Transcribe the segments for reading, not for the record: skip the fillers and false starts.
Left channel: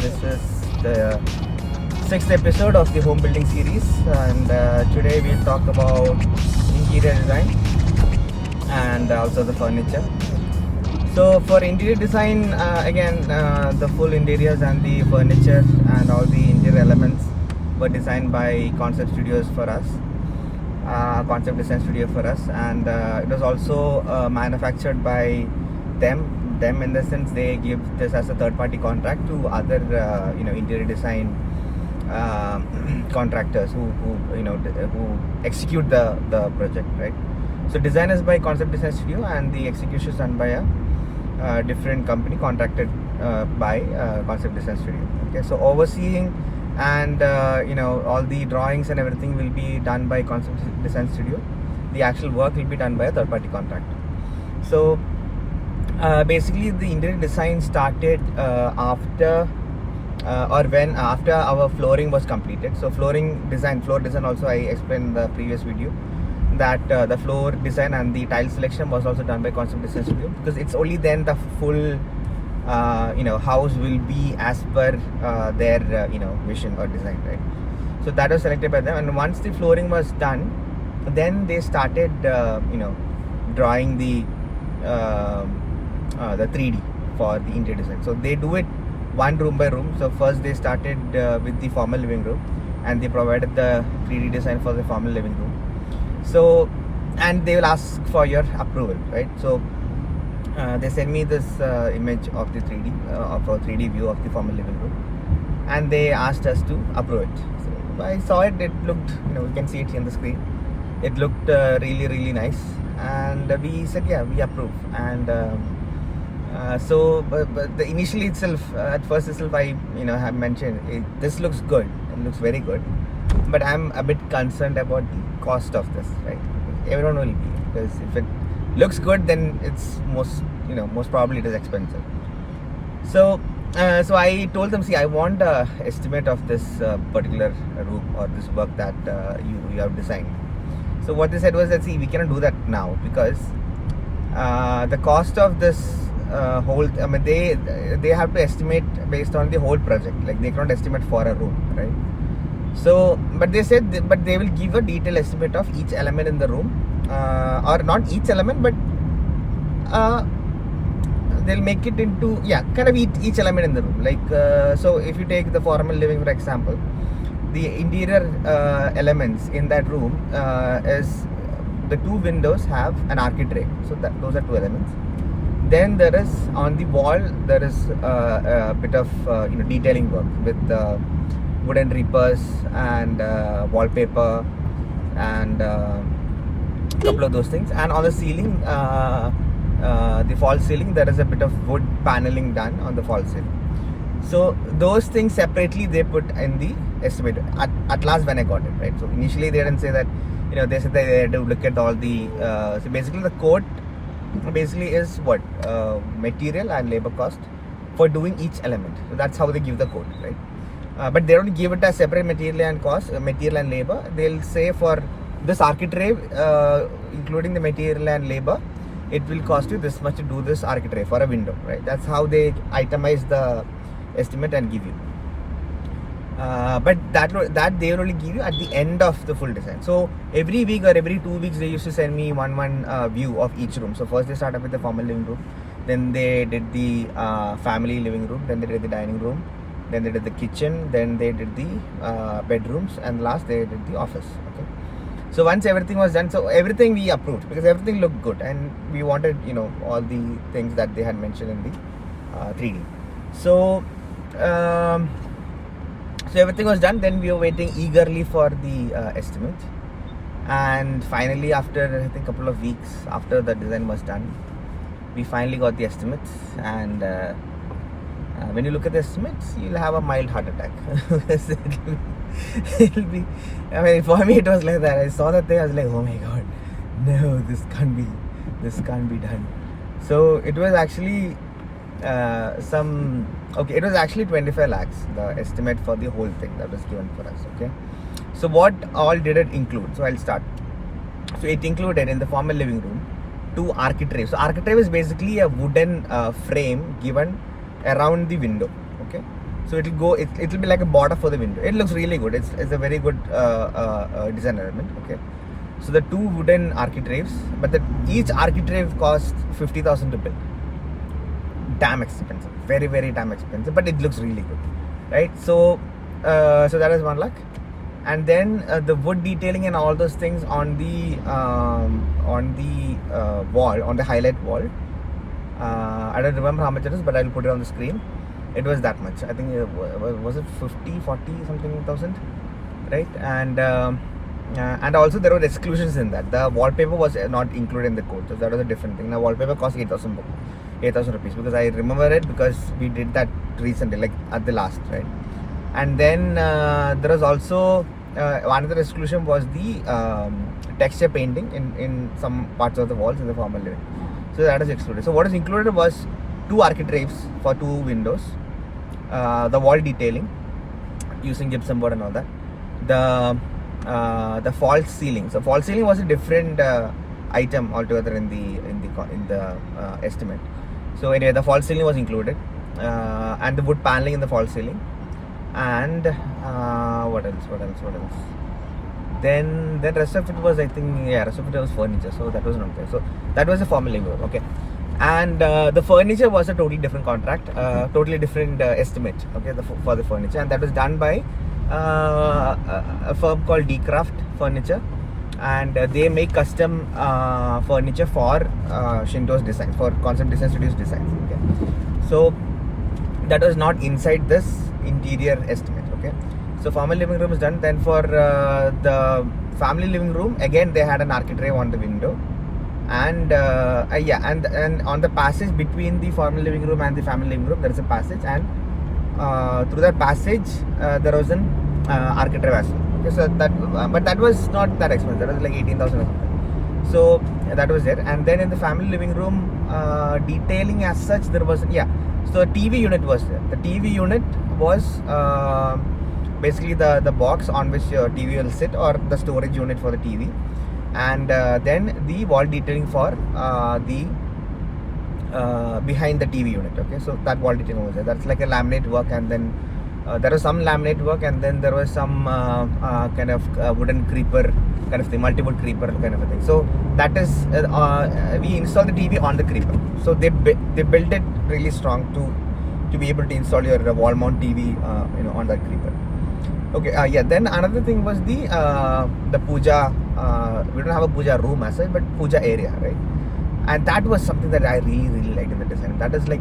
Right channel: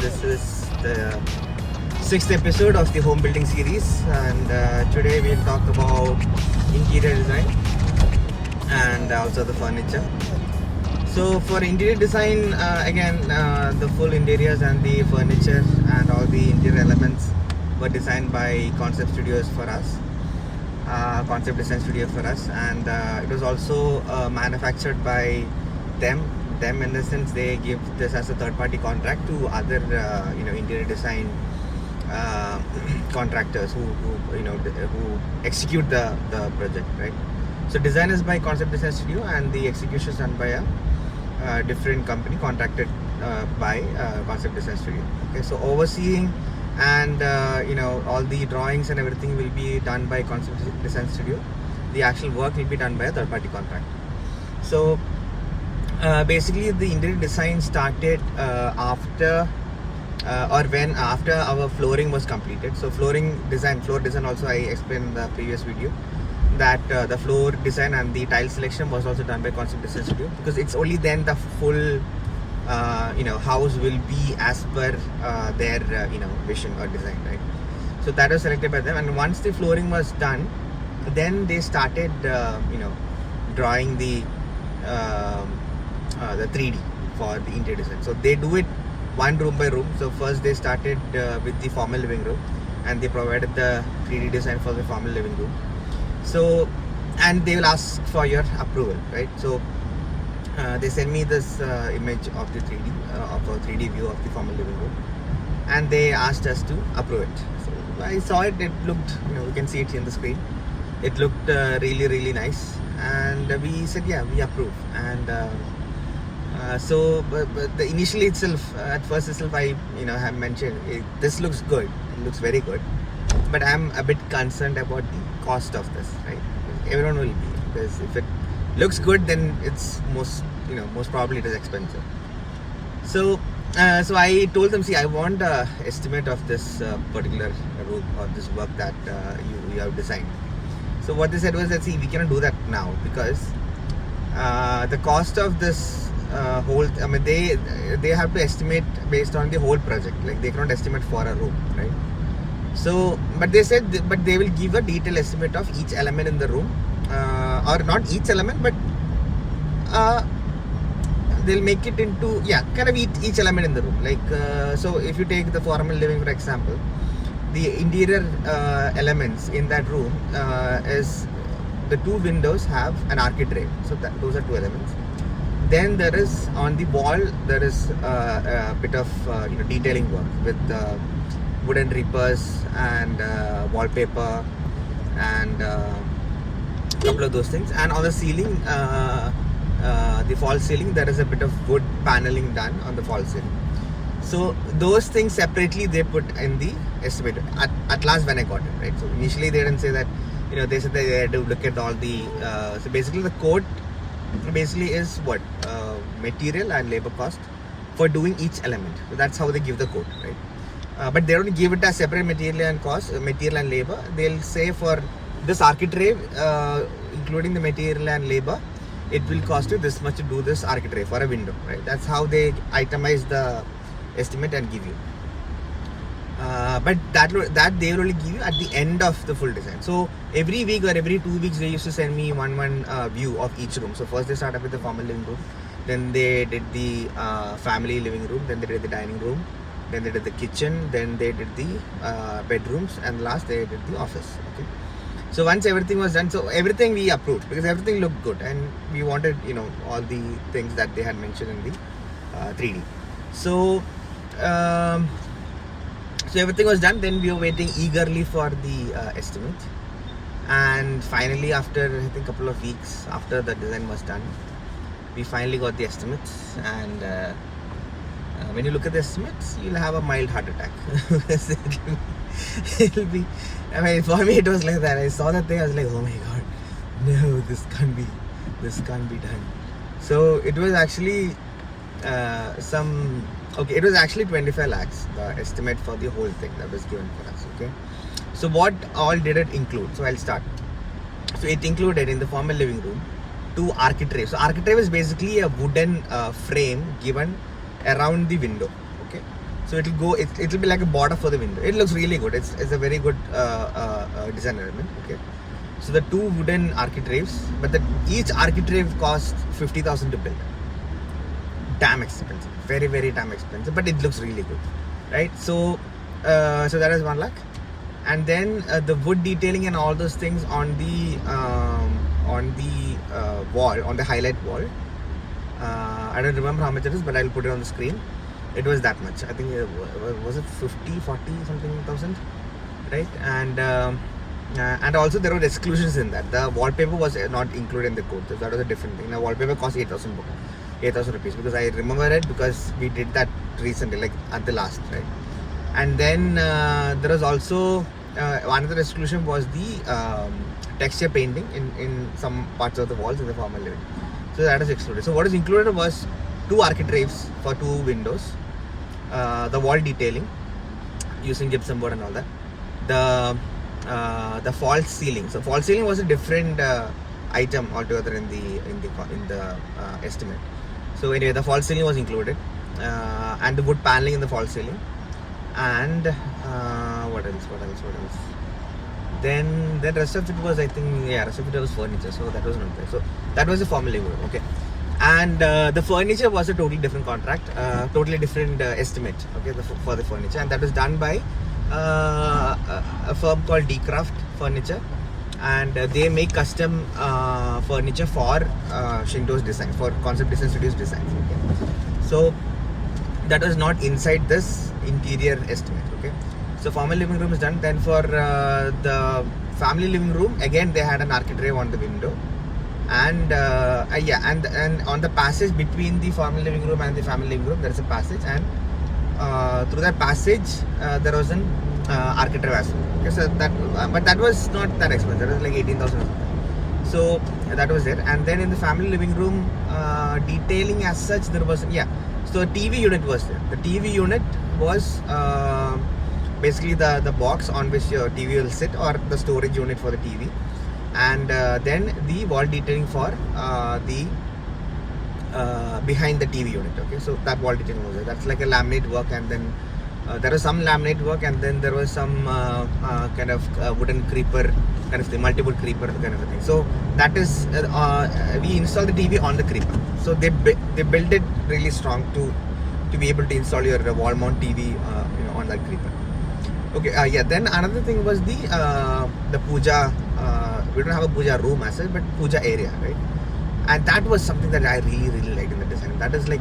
This is the 6th episode of the home building series, and today we'll talk about interior design and also the furniture. So for interior design, again, the full interiors and the furniture and all the interior elements were designed by Concept Studios for us, Concept Design Studio for us, and it was also manufactured by them in the sense they give this as a third-party contract to other interior design contractors who execute the project, right? So design is by Concept Design Studio and the execution is done by a different company contracted by Concept Design Studio. Okay, so overseeing and all the drawings and everything will be done by Concept Design Studio. The actual work will be done by a third-party contractor. So basically the interior design started after our flooring was completed. So floor design also I explained in the previous video that the floor design and the tile selection was also done by Concept Design Studio, because it's only then the full house will be as per their vision or design, right? So that was selected by them, and once the flooring was done, then they started drawing the 3D for the interior design. So they do it one room by room. So first they started with the formal living room, and they provided the 3D design for the formal living room. So, and they will ask for your approval, right? So they send me this image of the 3D of a 3D view of the formal living room, and they asked us to approve it. So I saw it. It looked, you can see it in the screen. It looked really nice, and we said, yeah, we approve. And but the initially itself, at first itself, I have mentioned this looks good. It looks very good, but I'm a bit concerned about the cost of this, right? Everyone will be, because if it looks good, then it's most probably it is expensive. So I told them, see, I want a estimate of this particular room or this work that you have designed. So what they said was that, see, we cannot do that now, because the cost of this whole, they have to estimate based on the whole project. Like, they cannot estimate for a room, right? So, but they said, but they will give a detailed estimate of each element in the room, or not each element, but they'll make it into, kind of each element in the room. Like, so if you take the formal living, for example, the interior elements in that room is the two windows have an architrave. So those are two elements. Then there is, on the wall, there is a bit of detailing work with wooden rippers and wallpaper and a couple of those things. And on the ceiling, the false ceiling, there is a bit of wood paneling done on the false ceiling. So those things separately they put in the estimate at last when I got it, right? So initially they didn't say that, they said that they had to look at all the so basically the quote basically is what material and labor cost for doing each element. So that's how they give the quote, right? But they don't give it as separate material and labor. They'll say for this architrave, including the material and labor, it will cost you this much to do this architrave for a window, right? That's how they itemize the estimate and give you. But that they will only give you at the end of the full design. So every week or every 2 weeks they used to send me one view of each room. So first they started with the formal living room, then they did the family living room, then they did the dining room, then they did the kitchen, then they did the bedrooms, and last they did the office. Okay. So once everything was done, so everything we approved, because everything looked good, and we wanted all the things that they had mentioned in the 3D. So so everything was done. Then we were waiting eagerly for the estimate, and finally, after I think a couple of weeks after the design was done, we finally got the estimates. And when you look at the estimates, you'll have a mild heart attack. It'll be, for me it was like that. I saw that thing, I was like, oh my god, no, this can't be done. So it was actually it was actually 25 lakhs, the estimate for the whole thing that was given for us. Okay, so what all did it include? So I'll start. So it included, in the formal living room, 2 architraves. So architrave is basically a wooden frame given around the window. Okay, So it'll be like a border for the window. It looks really good. It's a very good design element. Okay. So the two wooden architraves, but each architrave cost 50,000 to build. Damn expensive, very very damn expensive, but it looks really good, right? So that is 1 lakh, and then the wood detailing and all those things on the wall, on the highlight wall. I don't remember how much it is, but I'll put it on the screen. It was that much. I think was it 50, 40 something thousand, right? And also there were exclusions in that. The wallpaper was not included in the code, so that was a different thing. Now wallpaper cost 8,000 rupees, because I remember it because we did that recently, like at the last, right? And then there was also another exclusion was the texture painting in some parts of the walls in the formal living. So that is excluded. So what is included was 2 architraves for 2 windows, the wall detailing using gypsum board and all that, the false ceiling. So false ceiling was a different item altogether in the estimate. So anyway, the false ceiling was included, and the wood paneling in the false ceiling, and what else? Then the rest of it was, I think, rest of it was furniture. So that was not there. So that was a formal living room. Okay. And the furniture was a totally different contract, totally different estimate, okay, for the furniture, and that was done by a firm called Decraft Furniture, and they make custom furniture for Shinto's design, for Concept Design Studios designs. Okay. So that was not inside this interior estimate. Okay. So formal living room is done. Then for the family living room, again they had an architrave on the window. And and on the passage between the formal living room and the family living room, there is a passage, and through that passage there was an architrave as well. Okay, so but that was not that expensive. That was like 18,000 or something. So that was there. And then in the family living room, detailing as such, there was So a TV unit was there. The TV unit was basically the box on which your TV will sit, or the storage unit for the TV. And then the wall detailing for the behind the TV unit. Okay, so that wall detailing was there. That's like a laminate work, and then there was some laminate work, and then there was some kind of wooden creeper kind of thing, multi-wood creeper kind of a thing. So that is we installed the TV on the creeper. So they built it really strong to be able to install your wall mount TV on that creeper. Okay, then another thing was the puja. We don't have a puja room as such, but puja area, right? And that was something that I really, really liked in the design. That is like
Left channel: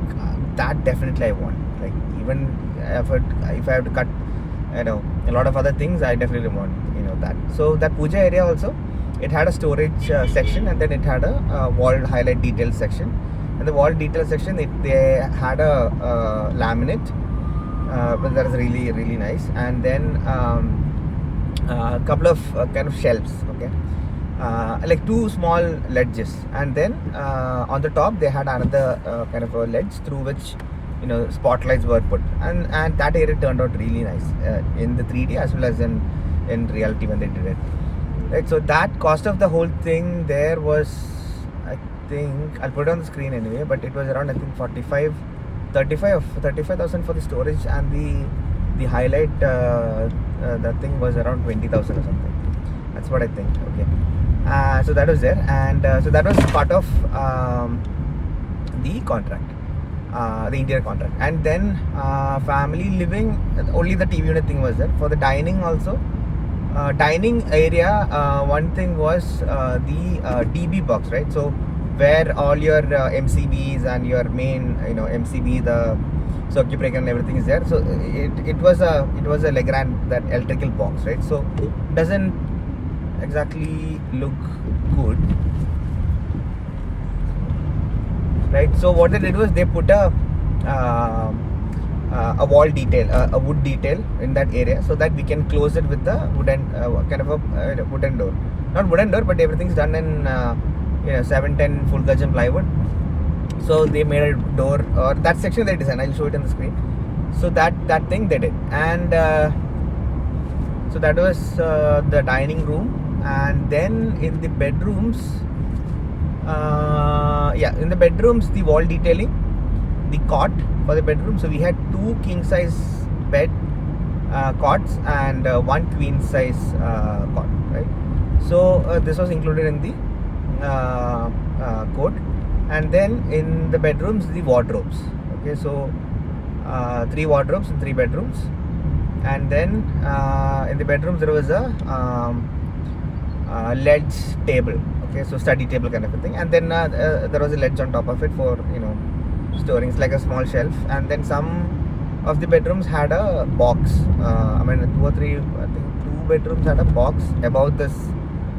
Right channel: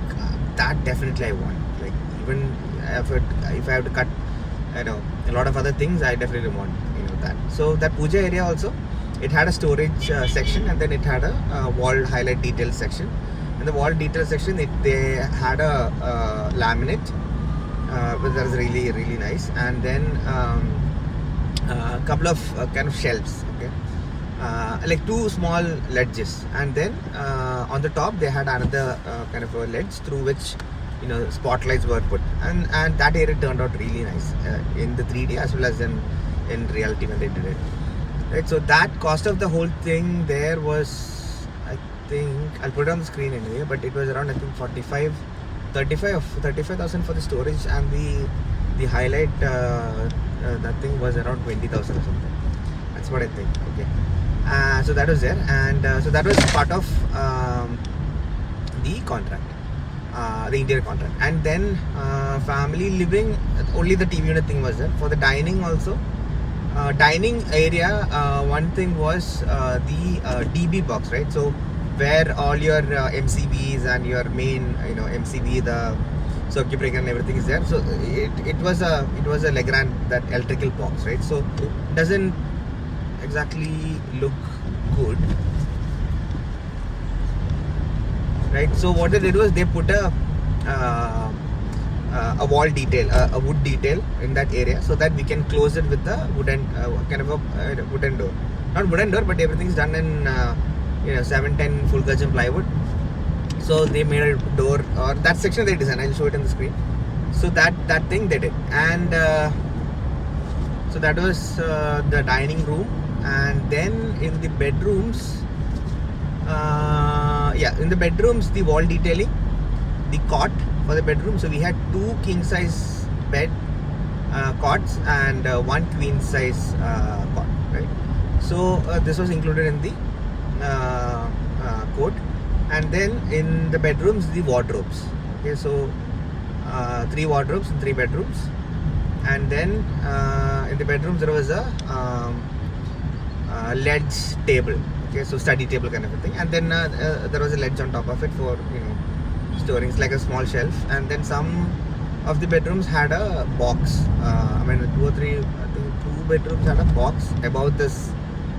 that definitely I want. Like even if I have to cut, a lot of other things, I definitely want that. So that puja area also, it had a storage section, and then it had a wall highlight detail section. And the wall detail section, they had a laminate. But that is really, really nice. And then a couple of kind of shelves, okay, like 2 small ledges, and then on the top they had another kind of a ledge through which spotlights were put, and that area turned out really nice in the 3D as well as in reality when they did it, right? So that cost of the whole thing there was, I think, I'll put it on the screen anyway, but it was around, I think, 35,000 for the storage, and the highlight that thing was around 20,000 or something. That's what I think. Okay, so that was there, and so that was part of the contract, the interior contract. And then family living, only the TV unit thing was there. For the dining also, dining area, one thing was the DB box, right? So where all your MCBs and your main MCB, the circuit breaker and everything is there. So it was a Legrand, that electrical box, right? So it doesn't exactly look good, right? So what they did was they put a wall detail, a wood detail in that area, so that we can close it with the wooden kind of a wooden door. Not wooden door, but everything's done in 710 full gauge plywood. So they made a door, or that section they designed. I'll show it on the screen. So that thing they did, and so that was the dining room. And then in the bedrooms, in the bedrooms, the wall detailing, the cot for the bedroom. So we had 2 king size bed cots and one queen size cot, right? So this was included in the quote. And then in the bedrooms, the wardrobes. Okay, so 3 wardrobes in 3 bedrooms. And then in the bedrooms there was a ledge table. Okay, so study table kind of a thing. And then there was a ledge on top of it for storing, like a small shelf. And then some of the bedrooms had a box. 2 or 3, I think 2 bedrooms had a box above this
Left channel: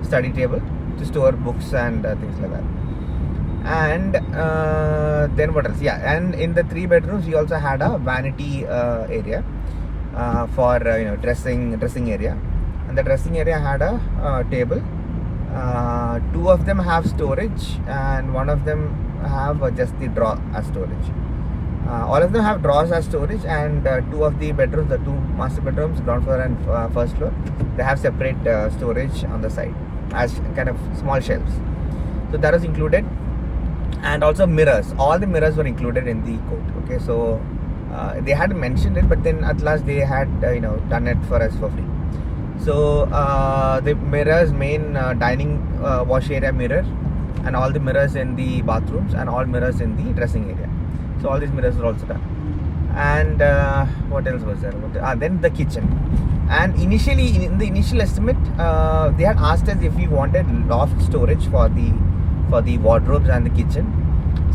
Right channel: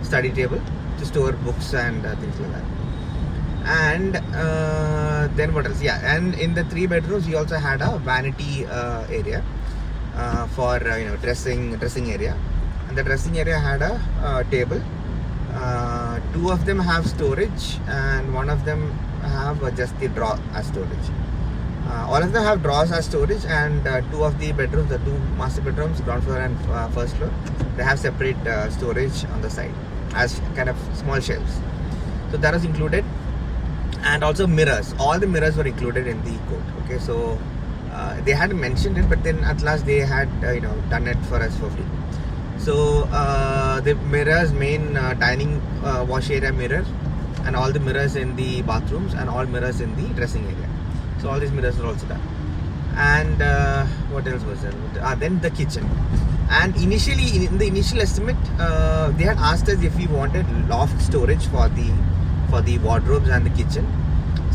study table to store books and things like that. And then what else? Yeah, and in the 3 bedrooms we also had a vanity area for dressing area. And the dressing area had a table. 2 of them have storage, and 1 of them have just the drawer as storage. All of them have drawers as storage, and 2 of the bedrooms, the 2 master bedrooms, ground floor and first floor, they have separate storage on the side as kind of small shelves. So that was included. And also mirrors. All the mirrors were included in the quote. Okay, so they hadn't mentioned it, but then at last they had done it for us for free. So the mirrors, main dining wash area mirror, and all the mirrors in the bathrooms, and all mirrors in the dressing area. So all these mirrors were also done. And what else was there? Then the kitchen. And initially, in the initial estimate, they had asked us if we wanted loft storage for the wardrobes and the kitchen.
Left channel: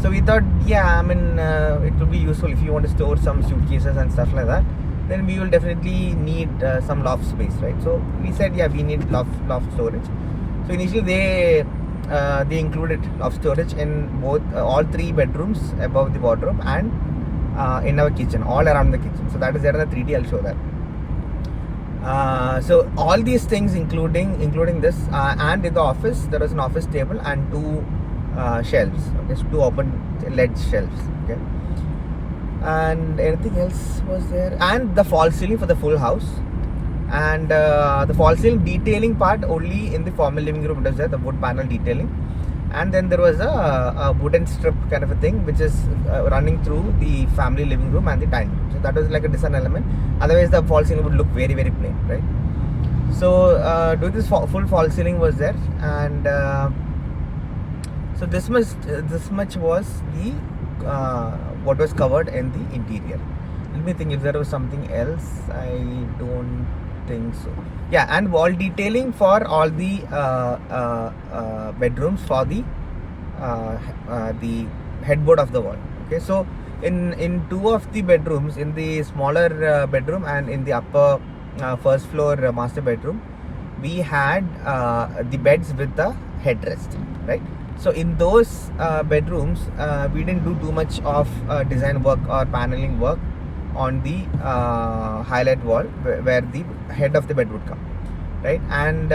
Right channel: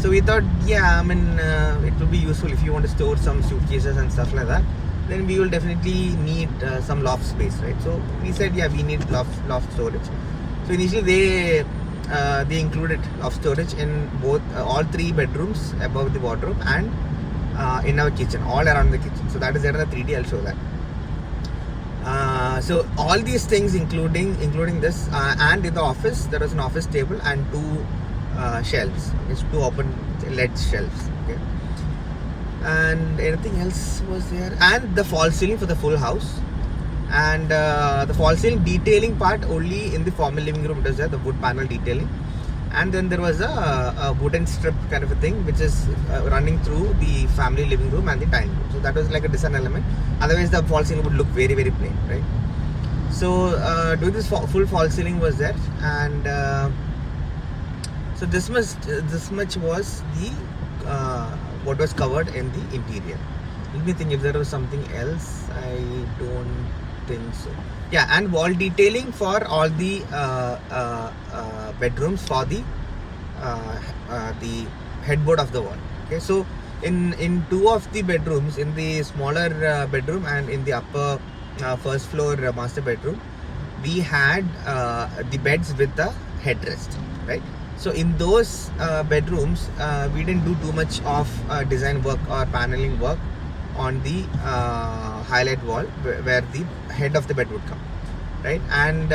So we thought, it will be useful if you want to store some suitcases and stuff like that. Then we will definitely need some loft space, right? So we said, we need loft storage. So initially they included loft storage in both all 3 bedrooms above the wardrobe and in our kitchen, all around the kitchen. So that is there in the 3D. I'll show that. So all these things, including this, and in the office there was an office table and 2 shelves. Okay, so 2 open ledge shelves. Okay, and anything else was there? And the false ceiling for the full house. And the false ceiling detailing part only in the formal living room does that, the wood panel detailing. And then there was a wooden strip kind of a thing which is running through the family living room and the dining room. So that was like a design element. Otherwise the false ceiling would look very, very plain, right? So doing this full false ceiling was there. And so this much was the what was covered in the interior. Let me think if there was something else. I don't think so. Yeah, and wall detailing for all the bedrooms for the headboard of the wall. Okay, so in 2 of the bedrooms, in the smaller bedroom and in the upper first floor master bedroom, we had the beds with the headrest, right? So in those bedrooms, we didn't do too much of design work or paneling work on the highlight wall where the head of the bed would come, right? And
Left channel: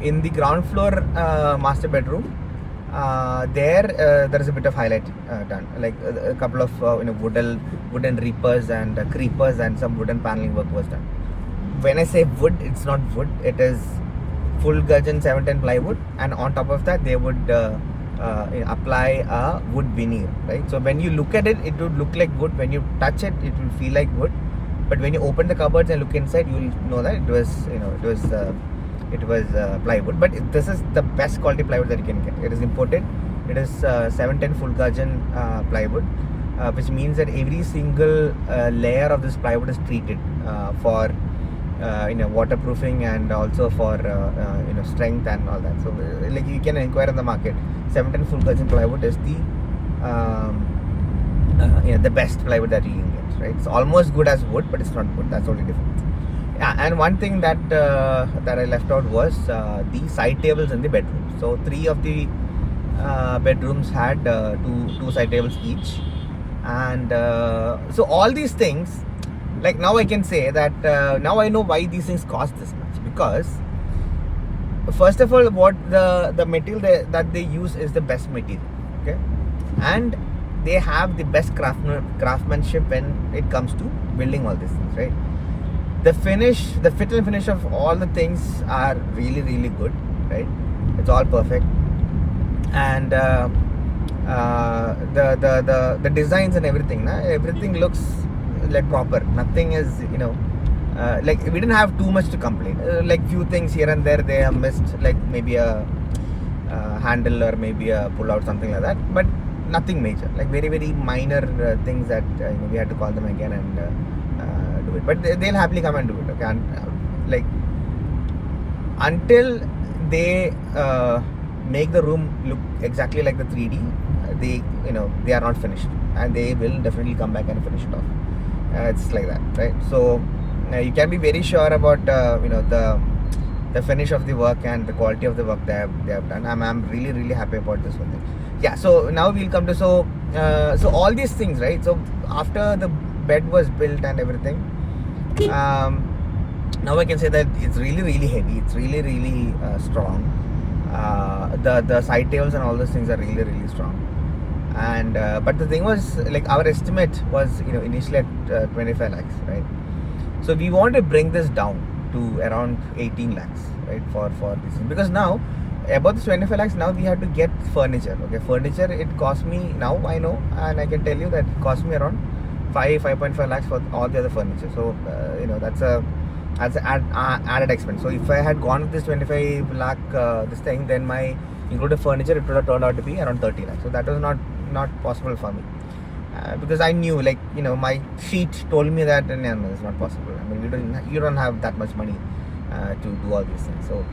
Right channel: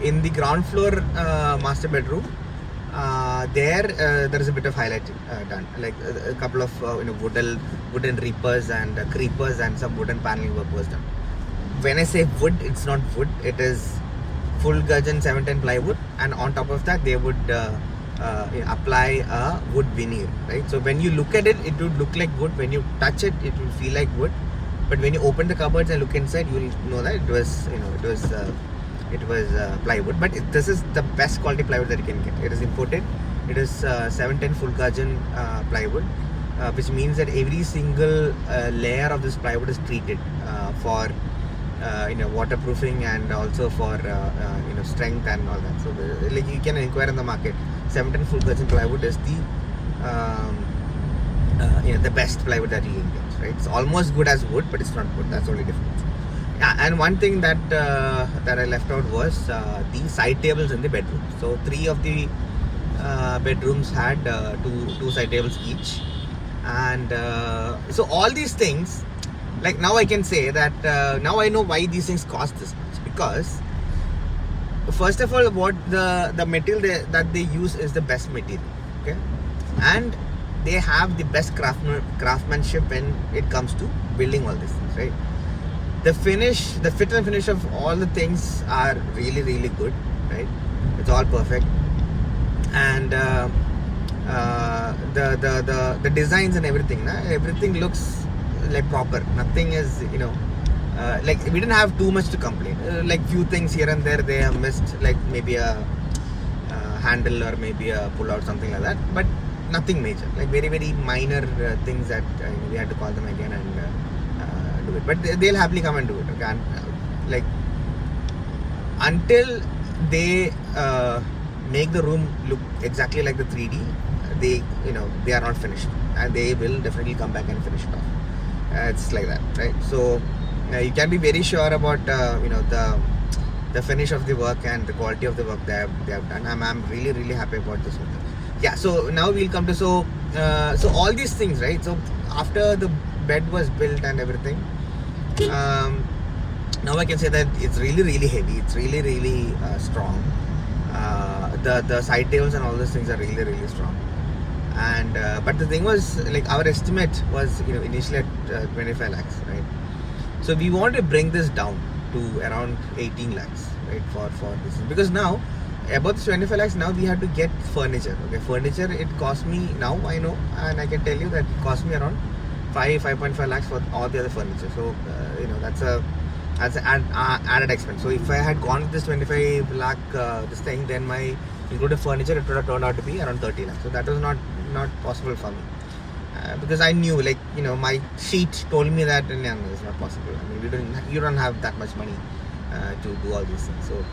in the ground floor master bedroom, there is a bit of highlight done, like a couple of wooden reapers and creepers, and some wooden paneling work was done. When I say wood, it's not wood, it is full gudgeon 710 plywood, and on top of that they would apply a wood veneer, right? So when you look at it, it would look like wood. When you touch it, it will feel like wood. But when you open the cupboards and look inside, you will know that it was plywood. But this is the best quality plywood that you can get. It is imported. It is 710 full gudgeon plywood, which means that every single layer of this plywood is treated for waterproofing and also for strength and all that. So like you can inquire in the market. 710 full gudgeon plywood is the best plywood that you can get, right? It's almost good as wood, but it's not wood. That's only difference. Yeah, and one thing that I left out was the side tables in the bedroom. So 3 of the bedrooms had two side tables each, and so all these things, like now I can say that now I know why these things cost this much, because first of all, what the material that they use is the best material, okay, and they have the best craftsmanship when it comes to building all these things, right? The fit and finish of all the things are really, really good, right? It's all perfect, and the designs and everything looks like proper. Nothing is, like we didn't have too much to complain. Like few things here and there they have missed, like maybe a handle or maybe a pull out, something like that, but nothing major, like very very minor things that we had to call them again and do it, but they'll happily come and do it, okay. And like until they make the room look exactly like the 3D, they are not finished, and they will definitely come back and finish it off. It's like that, right? So you can be very sure about the finish of the work and the quality of the work they have done. I'm really really happy about this one. Yeah, so now we'll come to so all these things, right? So after the bed was built and everything, now I can say that it's really really heavy, it's really really strong. The side tables and all those things are really really strong. And but the thing was, like, our estimate was initially at 25 lakhs, right? So we want to bring this down to around 18 lakhs, right, for this, because now about this 25 lakhs, now we have to get furniture, okay. Furniture, it cost me, now I know, and I can tell you that it cost me around 5.5 lakhs for all the other furniture. So that's an added expense. So if I had gone with this 25 lakh this thing, then my included furniture, it would have turned out to be around 30 lakhs. So that was not possible for me, because I knew, like, my sheet told me that no, it's not possible. I mean, you don't have that much money to do all these things. So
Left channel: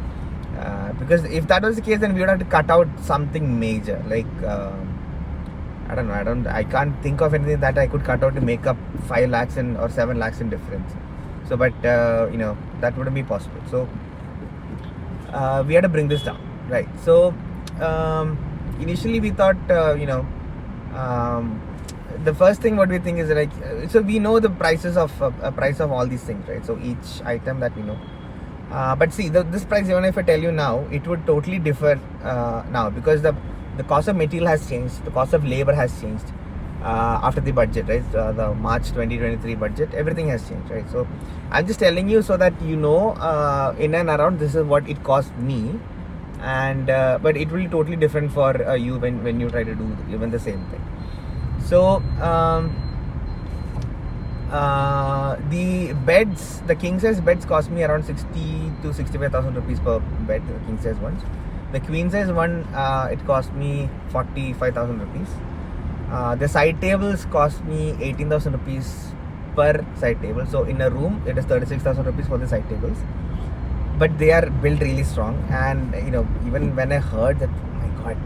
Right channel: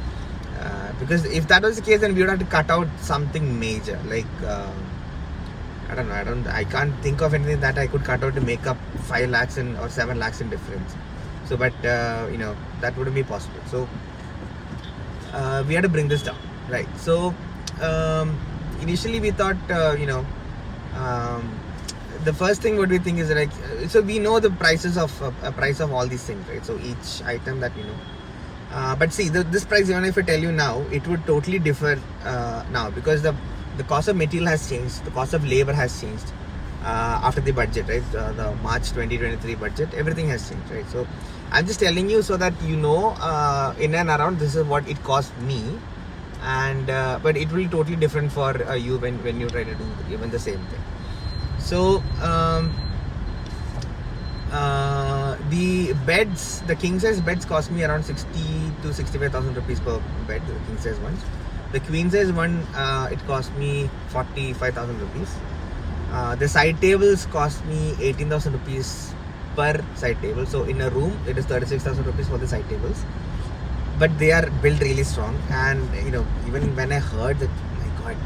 because if that was the case, then we would have to cut out something major, like I don't know, I can't think of anything that I could cut out to make up 5 lakhs or 7 lakhs in difference. So but that wouldn't be possible. So we had to bring this down, right? So initially we thought the first thing what we think is, like, so we know the prices of price of all these things, right? So each item that we know, but see, this price, even if I tell you now, it would totally differ now, because the cost of material has changed, the cost of labor has changed after the budget, right? The March 2023 budget, everything has changed, right? So I'm just telling you so that in and around this is what it cost me, and but it will be totally different for you when you try to do even the same thing. So the beds, the king size beds cost me around 60 to 65,000 rupees per bed, the king size ones. The queen size one, it cost me 45,000 rupees. The side tables cost me 18,000 rupees per side table. So in a room, it is 36,000 rupees for the side tables. But they are built really strong, and even when I heard that, oh my god,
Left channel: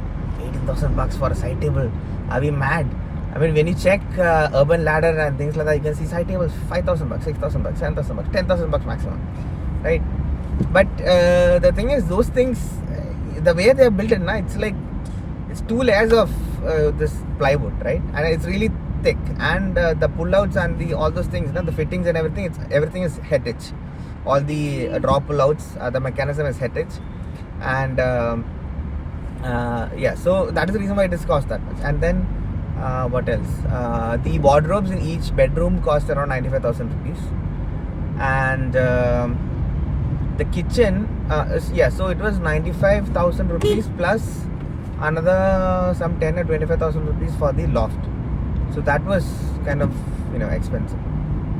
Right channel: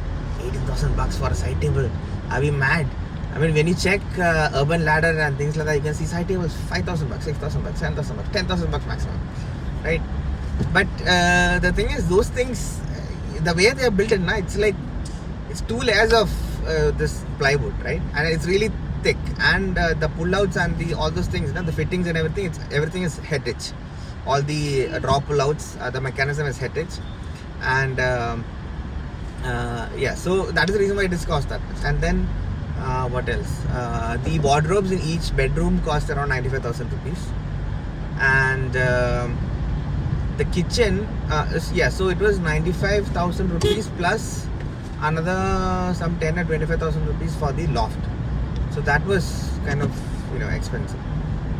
18,000 bucks for a side table, are we mad? I mean, when you check Urban Ladder and things like that, you can see side tables 5,000 bucks, 6,000 bucks, 7,000 bucks, 10,000 bucks maximum, right? But the thing is, those things, the way they are built it now, it's like it's 2 layers of this plywood, right? And it's really thick, and the pullouts and all those things, the fittings and everything, everything is head edge. All the draw pullouts, the mechanism is head edge, and yeah, so that is the reason why it is cost that much. And then what else? The wardrobes in each bedroom cost around 95,000 rupees, and the kitchen, so it was 95,000 rupees plus another some 10 or 25,000 rupees for the loft. So that was kind of expensive,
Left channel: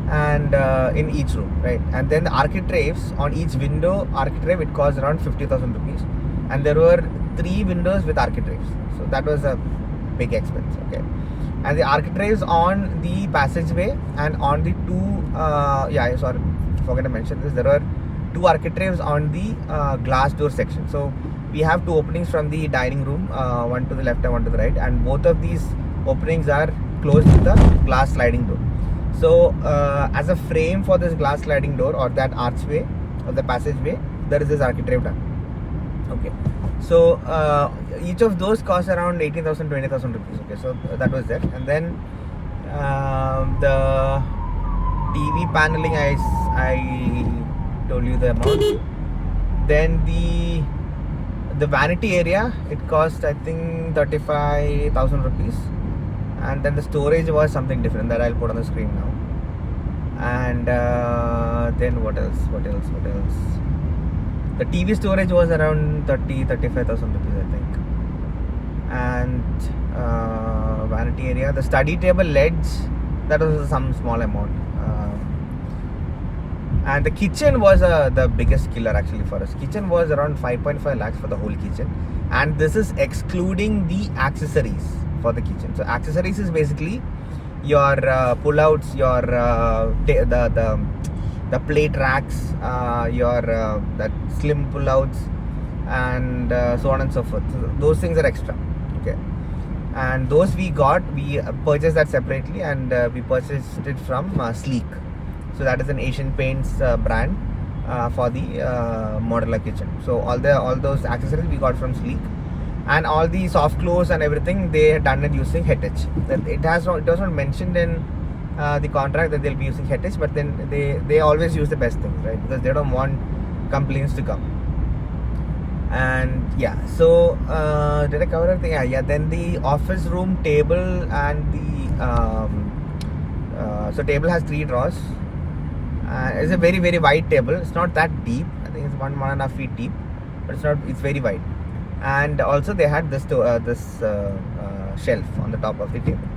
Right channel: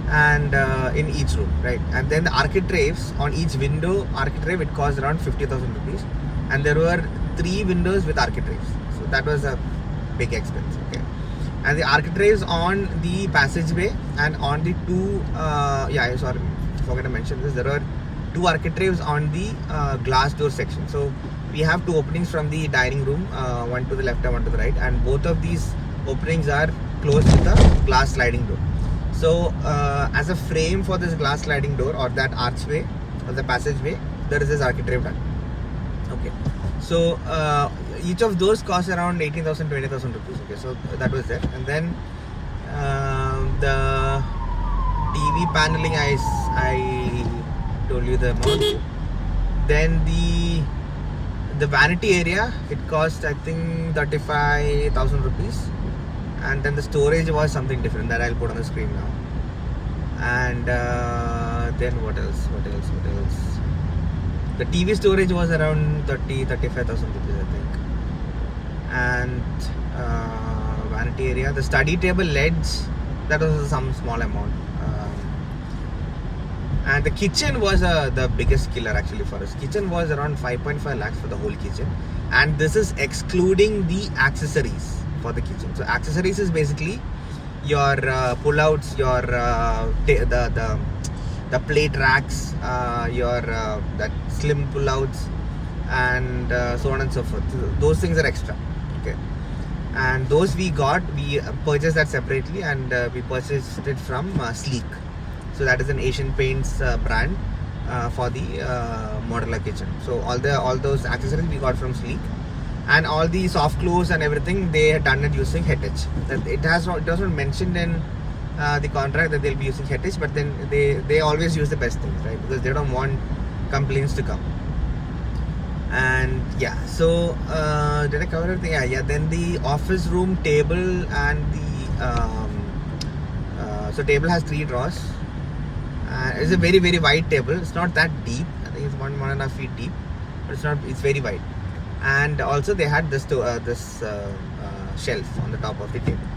and in each room, right? And then the architraves on each window, architrave, it cost around 50,000 rupees, and there were 3 windows with architraves. So that was a big expense, okay? And the architraves on the passageway and on the 2 sorry, forgot to mention this, there were 2 architraves on the glass door section. So we have 2 openings from the dining room, one to the left and one to the right, and both of these openings are closed with a glass sliding door. So as a frame for this glass sliding door, or that archway or the passageway, there is this architrave done, okay? So each of those costs around 18,000, 20,000 rupees, okay? So that was there. And then the TV paneling, I told you the amount. Then the vanity area, it cost, I think, 35,000 rupees. And then the storage was something different that I'll put on the screen now. And then what else? The TV storage was around 35,000 rupees, I think. And vanity area, the study table ledge that was some small amount. And the kitchen was the biggest killer actually for us. Kitchen was around 5.5 lakhs for the whole kitchen, and this is excluding the accessories for the kitchen. So accessories is basically your pull-outs, your the plate racks, your that slim pull-outs, and so on and so forth. So those things are extra. Okay, and those we purchased that separately, and we purchased it from Sleek. So that is an Asian Paints brand for the modular kitchen. So all those accessories we got from Sleek, and all the soft close and everything they had done it using Heritage. That it was not mentioned in the contract that they'll be using Heritage, but then they always use the best things, right? Because they don't want complaints to come. And yeah, so did I cover everything? Yeah. Then the office room table and the so table has 3 drawers. It's a very very wide table. It's not that deep. I think it's 1.5 feet deep, but it's very wide. And also they had this shelf on the top of the table.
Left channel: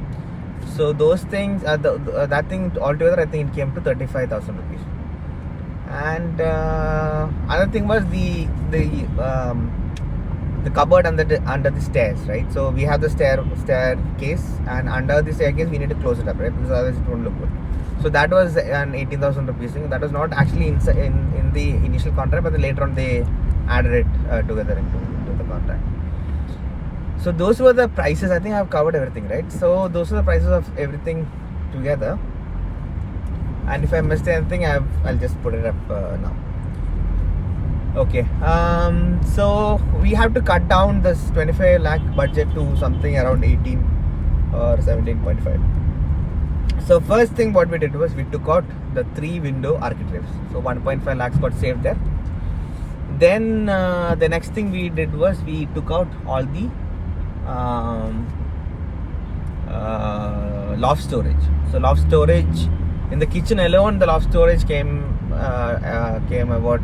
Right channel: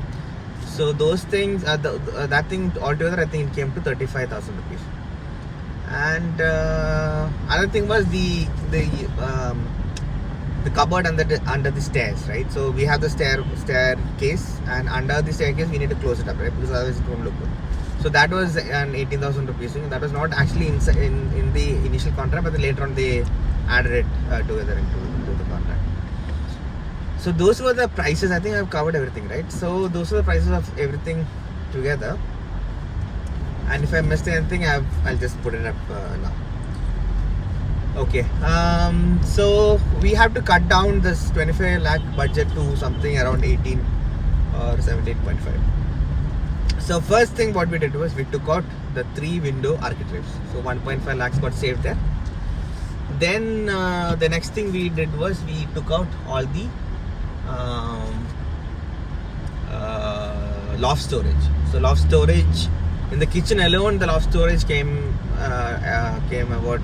So those things, that thing altogether, I think it came to 35,000 rupees. And other thing was the cupboard under the stairs, right? So we have the staircase, and under the staircase we need to close it up, right? Because otherwise it won't look good. So that was an 18,000 rupees thing. That was not actually in the initial contract, but later on they added it together into the contract. So those were the prices. I think I've covered everything, right? So those were the prices of everything together. And if I missed anything, I'll just put it up now. Okay. So we have to cut down this 25 lakh budget to something around 18 or 17.5. So first thing what we did was we took out the 3 window architraves. So 1.5 lakhs got saved there. Then the next thing we did was we took out all the loft storage. So loft storage in the kitchen alone, the loft storage came about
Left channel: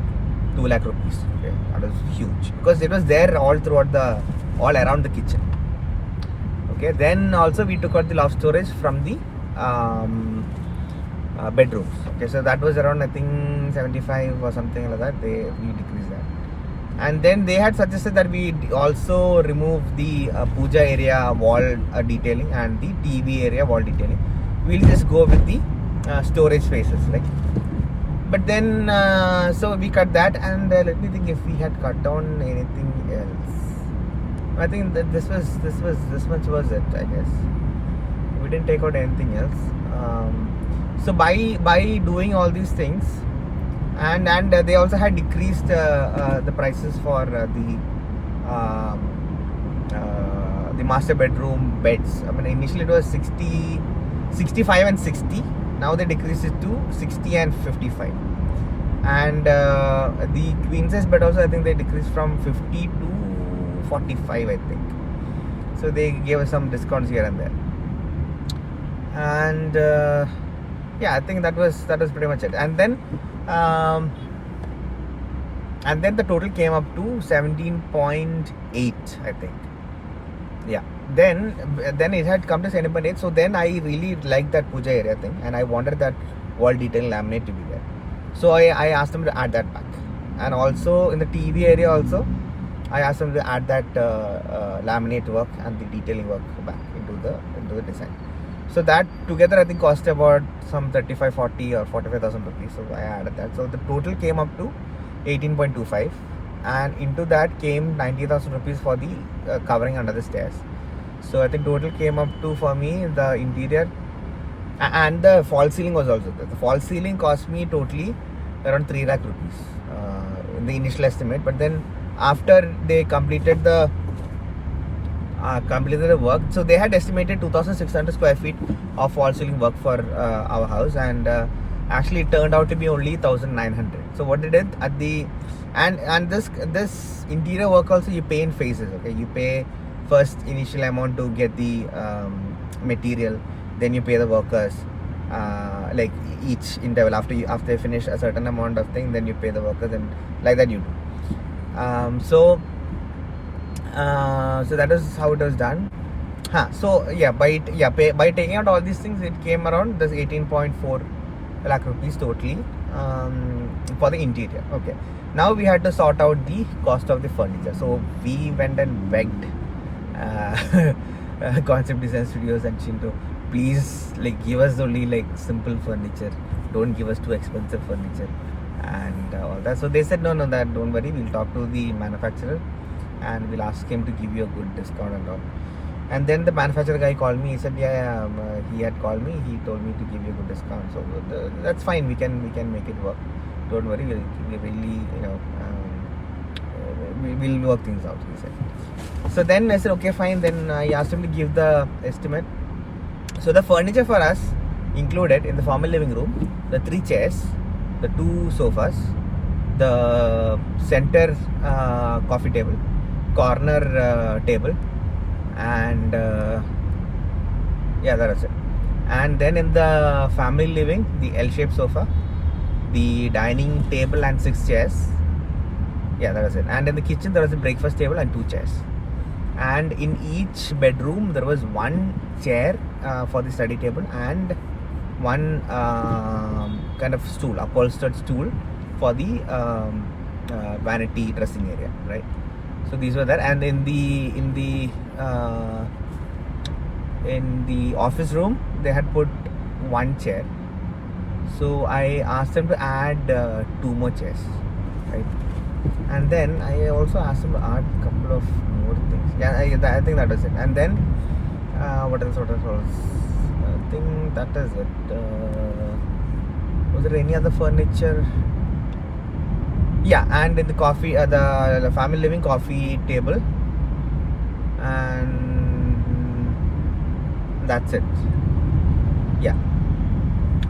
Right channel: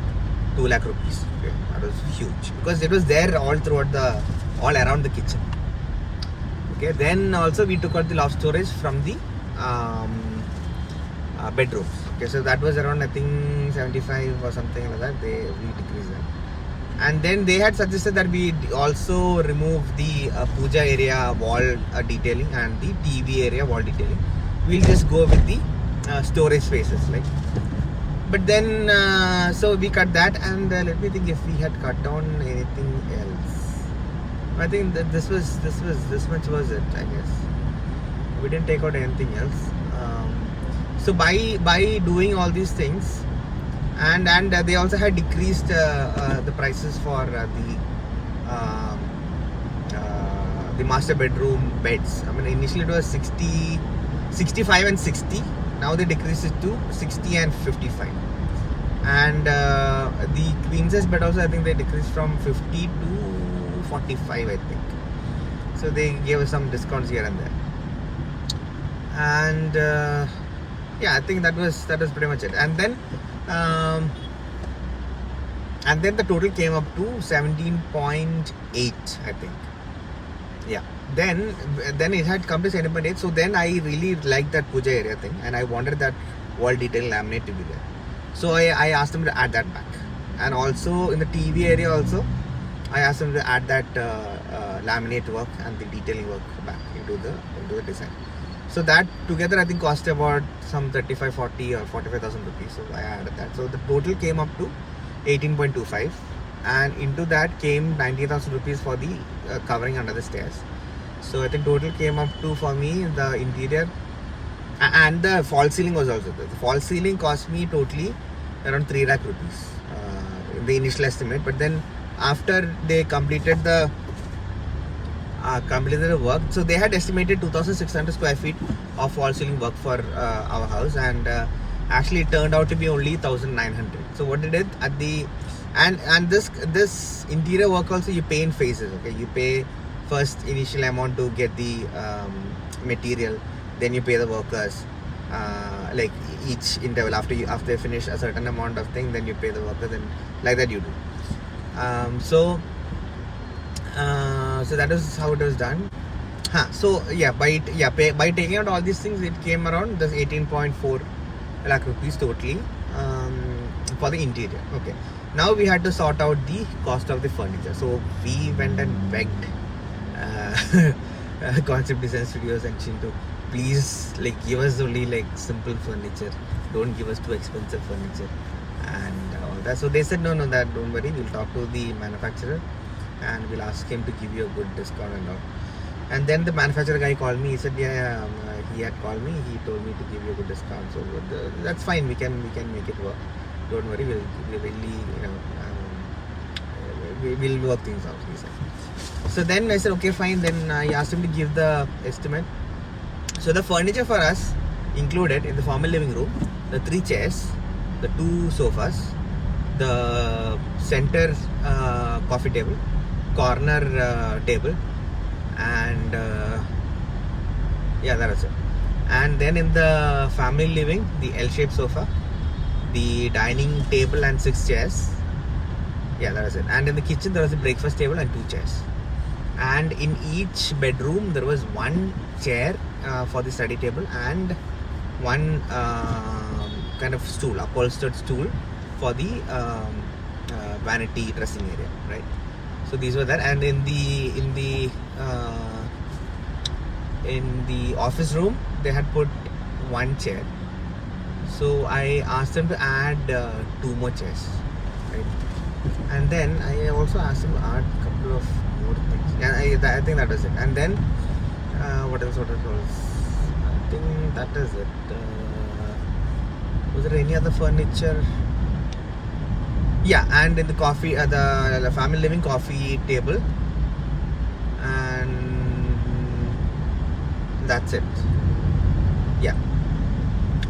2 lakh rupees. Okay, that was huge because it was there all around the kitchen. Okay, then also we took out the loft storage from the bedrooms. Okay, so that was around, I think, 75 or something like that. We decreased that. And then they had suggested that we also remove the puja area wall detailing and the TV area wall detailing. We'll just go with the storage spaces, like. But then so we cut that, and let me think if we had cut down anything else. I think that this much was it, I guess. We didn't take out anything else. So by doing all these things, and they also had decreased the prices for the master bedroom beds. I mean, initially it was 60, 65 and 60. Now they decreased it to 60 and 55. And the queen size bed also, I think they decreased from 50 to 45, I think. So they gave us some discounts here and there. And yeah, I think that was pretty much it. And then the total came up to 17.8, I think. Yeah. Then it had come to 7.8. So then I really liked that puja area thing, and I wanted that wall detail laminate to be there. So I asked them to add that back. And also in the TV area also, I asked them to add that laminate work and the detailing work back into the design. So that together I think cost about some 35, 40 or 45,000 rupees. So I added that. So the total came up to 18.25, and into that came 90,000 rupees for the covering under the stairs. So I think total came up to, for me, the interior and the false ceiling was also there. The false ceiling cost me totally around 3 lakh rupees in the initial estimate. But then after they completed the work, so they had estimated 2,600 square feet of false ceiling work for our house, and actually it turned out to be only 1,900. So what they did at the and this interior work also you pay in phases. Okay, you pay first initial amount to get the material, then you pay the workers like each interval. After they finish a certain amount of thing, then you pay the workers, and like that you do. So that is how it was done. By taking out all these things, it came around this 18.4 lakh rupees totally for the interior. Okay. Now we had to sort out the cost of the furniture. So we went and begged Concept Design Studios and Chinto, please give us only simple furniture. Don't give us too expensive furniture and all that. So they said no, that don't worry. We'll talk to the manufacturer and we'll ask him to give you a good discount and all. And then the manufacturer guy called me. He said, he had called me. He told me to give you a good discount. So that's fine. We can make it work. Don't worry. We'll really, we'll work things out. He said. So then I said, okay, fine. Then I asked him to give the estimate. So the furniture for us included in the formal living room, the 3 chairs, the 2 sofas, the center coffee table, corner table, and that was it. And then in the family living, the L-shaped sofa, the dining table and 6 chairs. That was it. And in the kitchen there was a breakfast table and 2 chairs. And in each bedroom there was 1 chair for the study table and 1 kind of stool, upholstered stool for the vanity dressing area, right? So these were there. And in the office room they had put 1 chair. So I asked them to add 2 more chairs, right? And then I also asked them to add a couple of more things. I think that was it. And then what else? I think that is it. Was there any other furniture? And in the coffee, the family living coffee table, and that's it.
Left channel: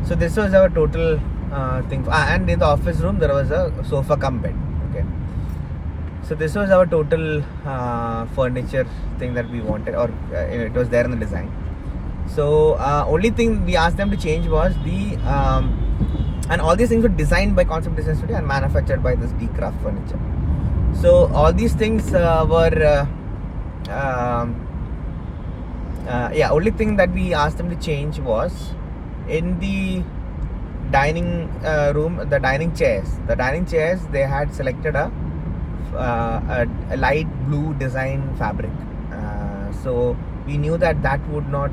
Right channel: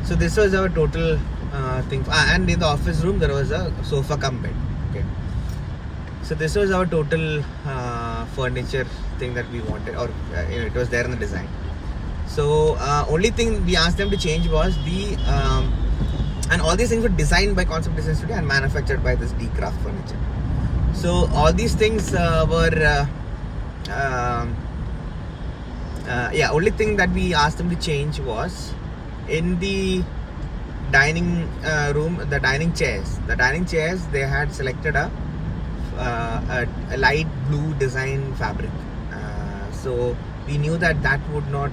So this was our total thing. And in the office room there was a sofa cum bed. Okay. So this was our total furniture thing that we wanted, or it was there in the design. So only thing we asked them to change was the and all these things were designed by Concept Design Studio and manufactured by this D-Craft Furniture. So all these things were only thing that we asked them to change was in the dining room, the dining chairs. The dining chairs, they had selected a light blue design fabric. So we knew that would not,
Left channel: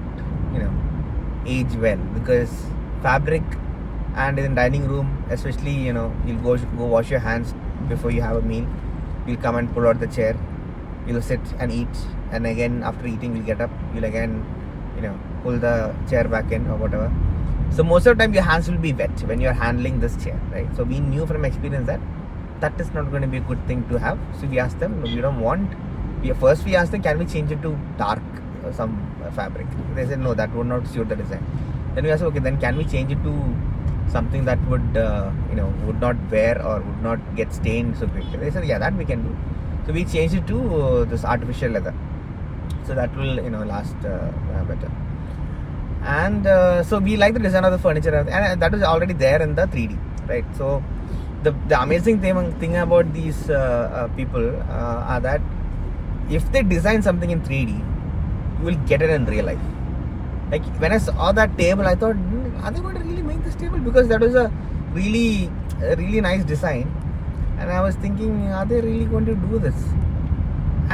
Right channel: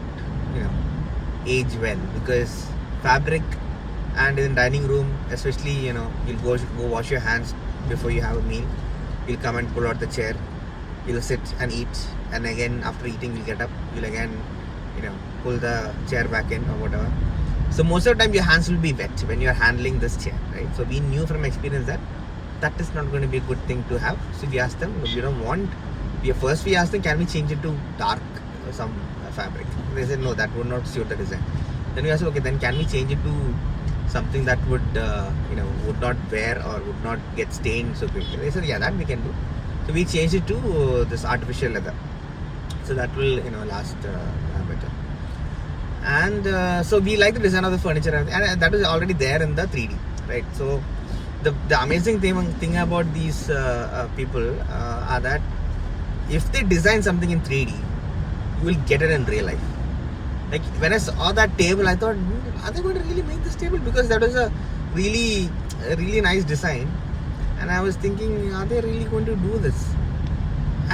age well, because fabric and in dining room, especially, you'll go wash your hands before you have a meal. You'll come and pull out the chair. You'll sit and eat, and again after eating, you'll get up. You'll again, pull the chair back in or whatever. So most of the time your hands will be wet when you're handling this chair, right? So we knew from experience that is not going to be a good thing to have. So we asked them, we don't want. First we asked them, can we change it to dark some fabric? They said no, that would not suit the design. Then we asked, okay, then can we change it to something that would would not wear or would not get stained so quickly? They said that we can do. So we changed it to this artificial leather, so that will last better. And so we like the design of the furniture, and that was already there in the 3D, right? So the amazing thing about these people are that if they design something in 3D, you will get it in real life. Like when I saw that table, I thought, are they going to really make this table? Because that was a really nice design, and I was thinking, are they really going to do this?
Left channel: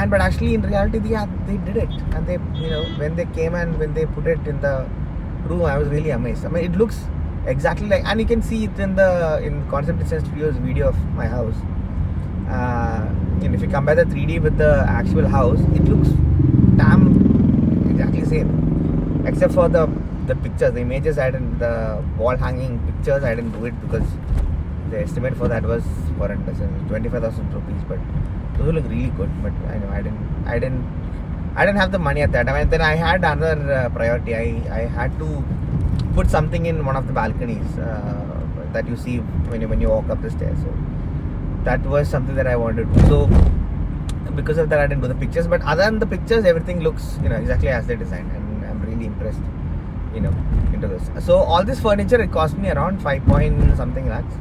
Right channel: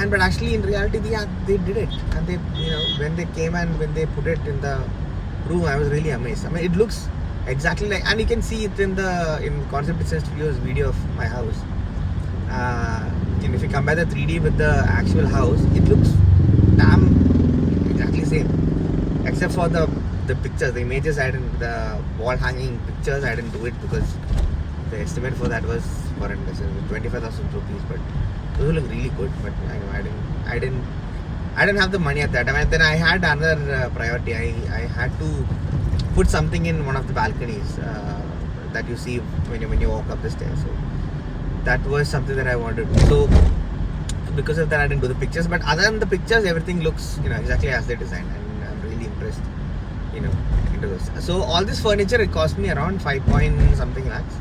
But actually in reality they did it, and they when they came and when they put it in the room, I was really amazed. I mean, it looks exactly like, and you can see it in Concept Design Studio's video of my house. And if you compare the 3D with the actual house, it looks damn exactly same, except for the pictures, the images. The wall hanging pictures, I didn't do it because the estimate for that was horrendous, 25,000 rupees. But those look really good. But I know I didn't have the money at that time. And then I had another priority. I had to put something in one of the balconies that you see when you walk up the stairs. So that was something that I wanted to do. So because of that, I didn't do the pictures. But other than the pictures, everything looks exactly as they designed, and I'm really impressed into this. So all this furniture, it cost me around 5 point something lakhs.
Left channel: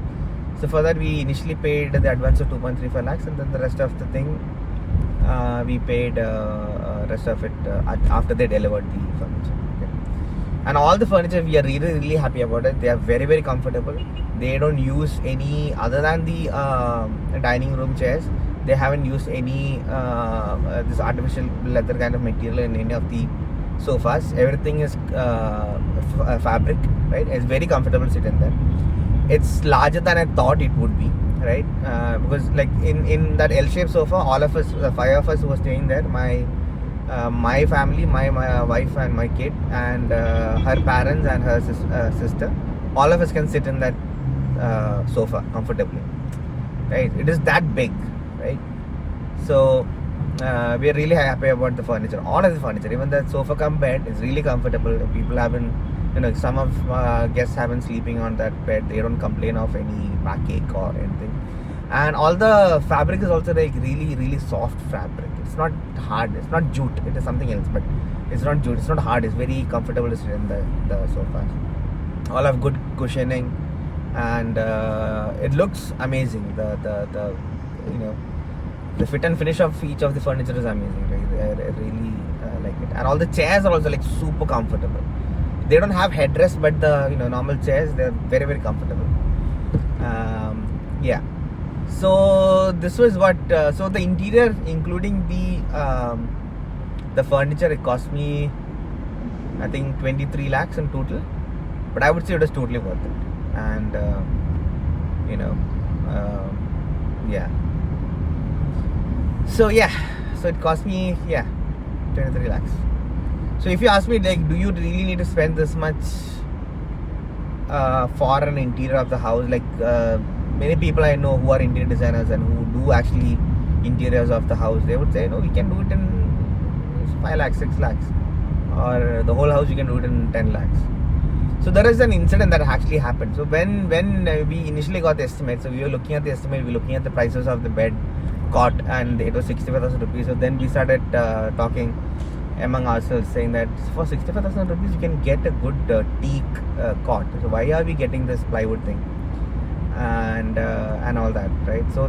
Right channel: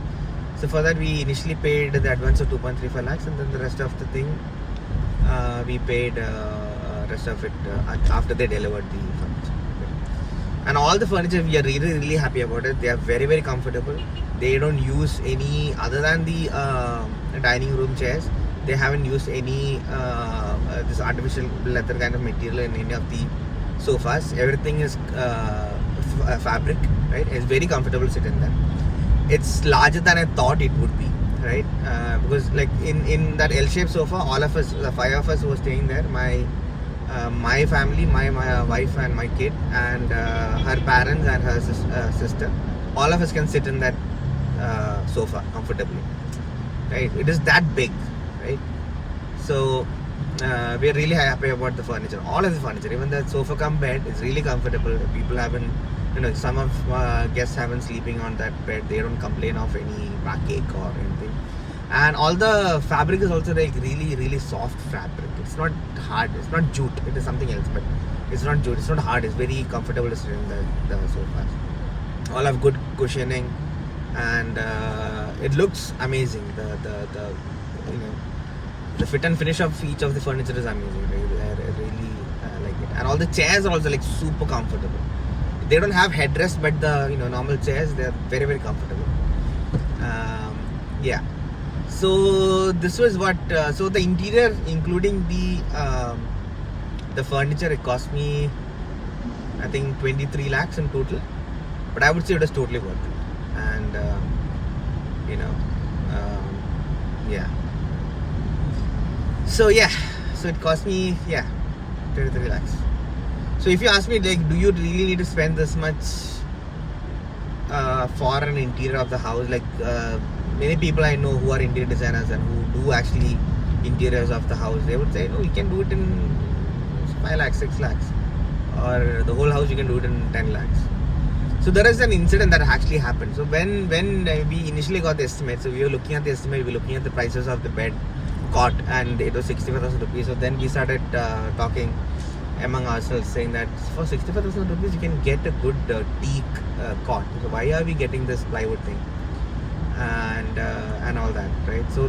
So for that, we initially paid the advance of 2.35 lakhs, and then the rest of the thing we paid rest of it after they delivered the furniture. Okay. And all the furniture we are really happy about it. They are very comfortable. They don't use any other than the dining room chairs. They haven't used any this artificial leather kind of material in any of the sofas. Everything is fabric, right? It's very comfortable to sit in there. It's larger than I thought it would be, right? Because like in that L-shaped sofa, all of us, the 5 of us who were staying there, my family, my wife and my kid, and her parents and her sister, all of us can sit in that sofa comfortably, right? It is that big, right? So we are really happy about the furniture, all of the furniture, even the sofa cum bed is really comfortable. People haven't, some of guests haven't sleeping on that bed. They don't complain of any backache or anything. And all the fabric is also like really soft fabric. It's not hard. It's not jute. It is something else, but it's not jute. It's not hard. It's very comfortable to sit in the sofa. All have good cushioning, and it looks amazing. The fit and finish of each of the furniture is amazing. I really like it. And all the chairs are also like super comfortable. They don't have headrest, but the normal chairs, they're very comfortable. Yeah. So this was what. So the interior, including the furniture, it cost me, I think, 23 lakhs in total. But I would say it was totally worth it. And yeah. So it cost me 23 lakhs. So if you ask me, like, do you really need to spend this much for an interior of the house? Like many people I know who are interior designers and who do actually interiors of the house, they would say, no, you can do it in 5 lakhs, 6 lakhs, or the whole house you can do it in 10 lakhs. So there is an incident that actually happened. So when we initially got the estimate, so we were looking at the estimate, we were looking at the prices of the bed, cot, and it was 65,000 rupees. So then we started talking among ourselves, saying that for 65,000 rupees you can get a good teak cot. So why are we getting this plywood thing and all that, right? So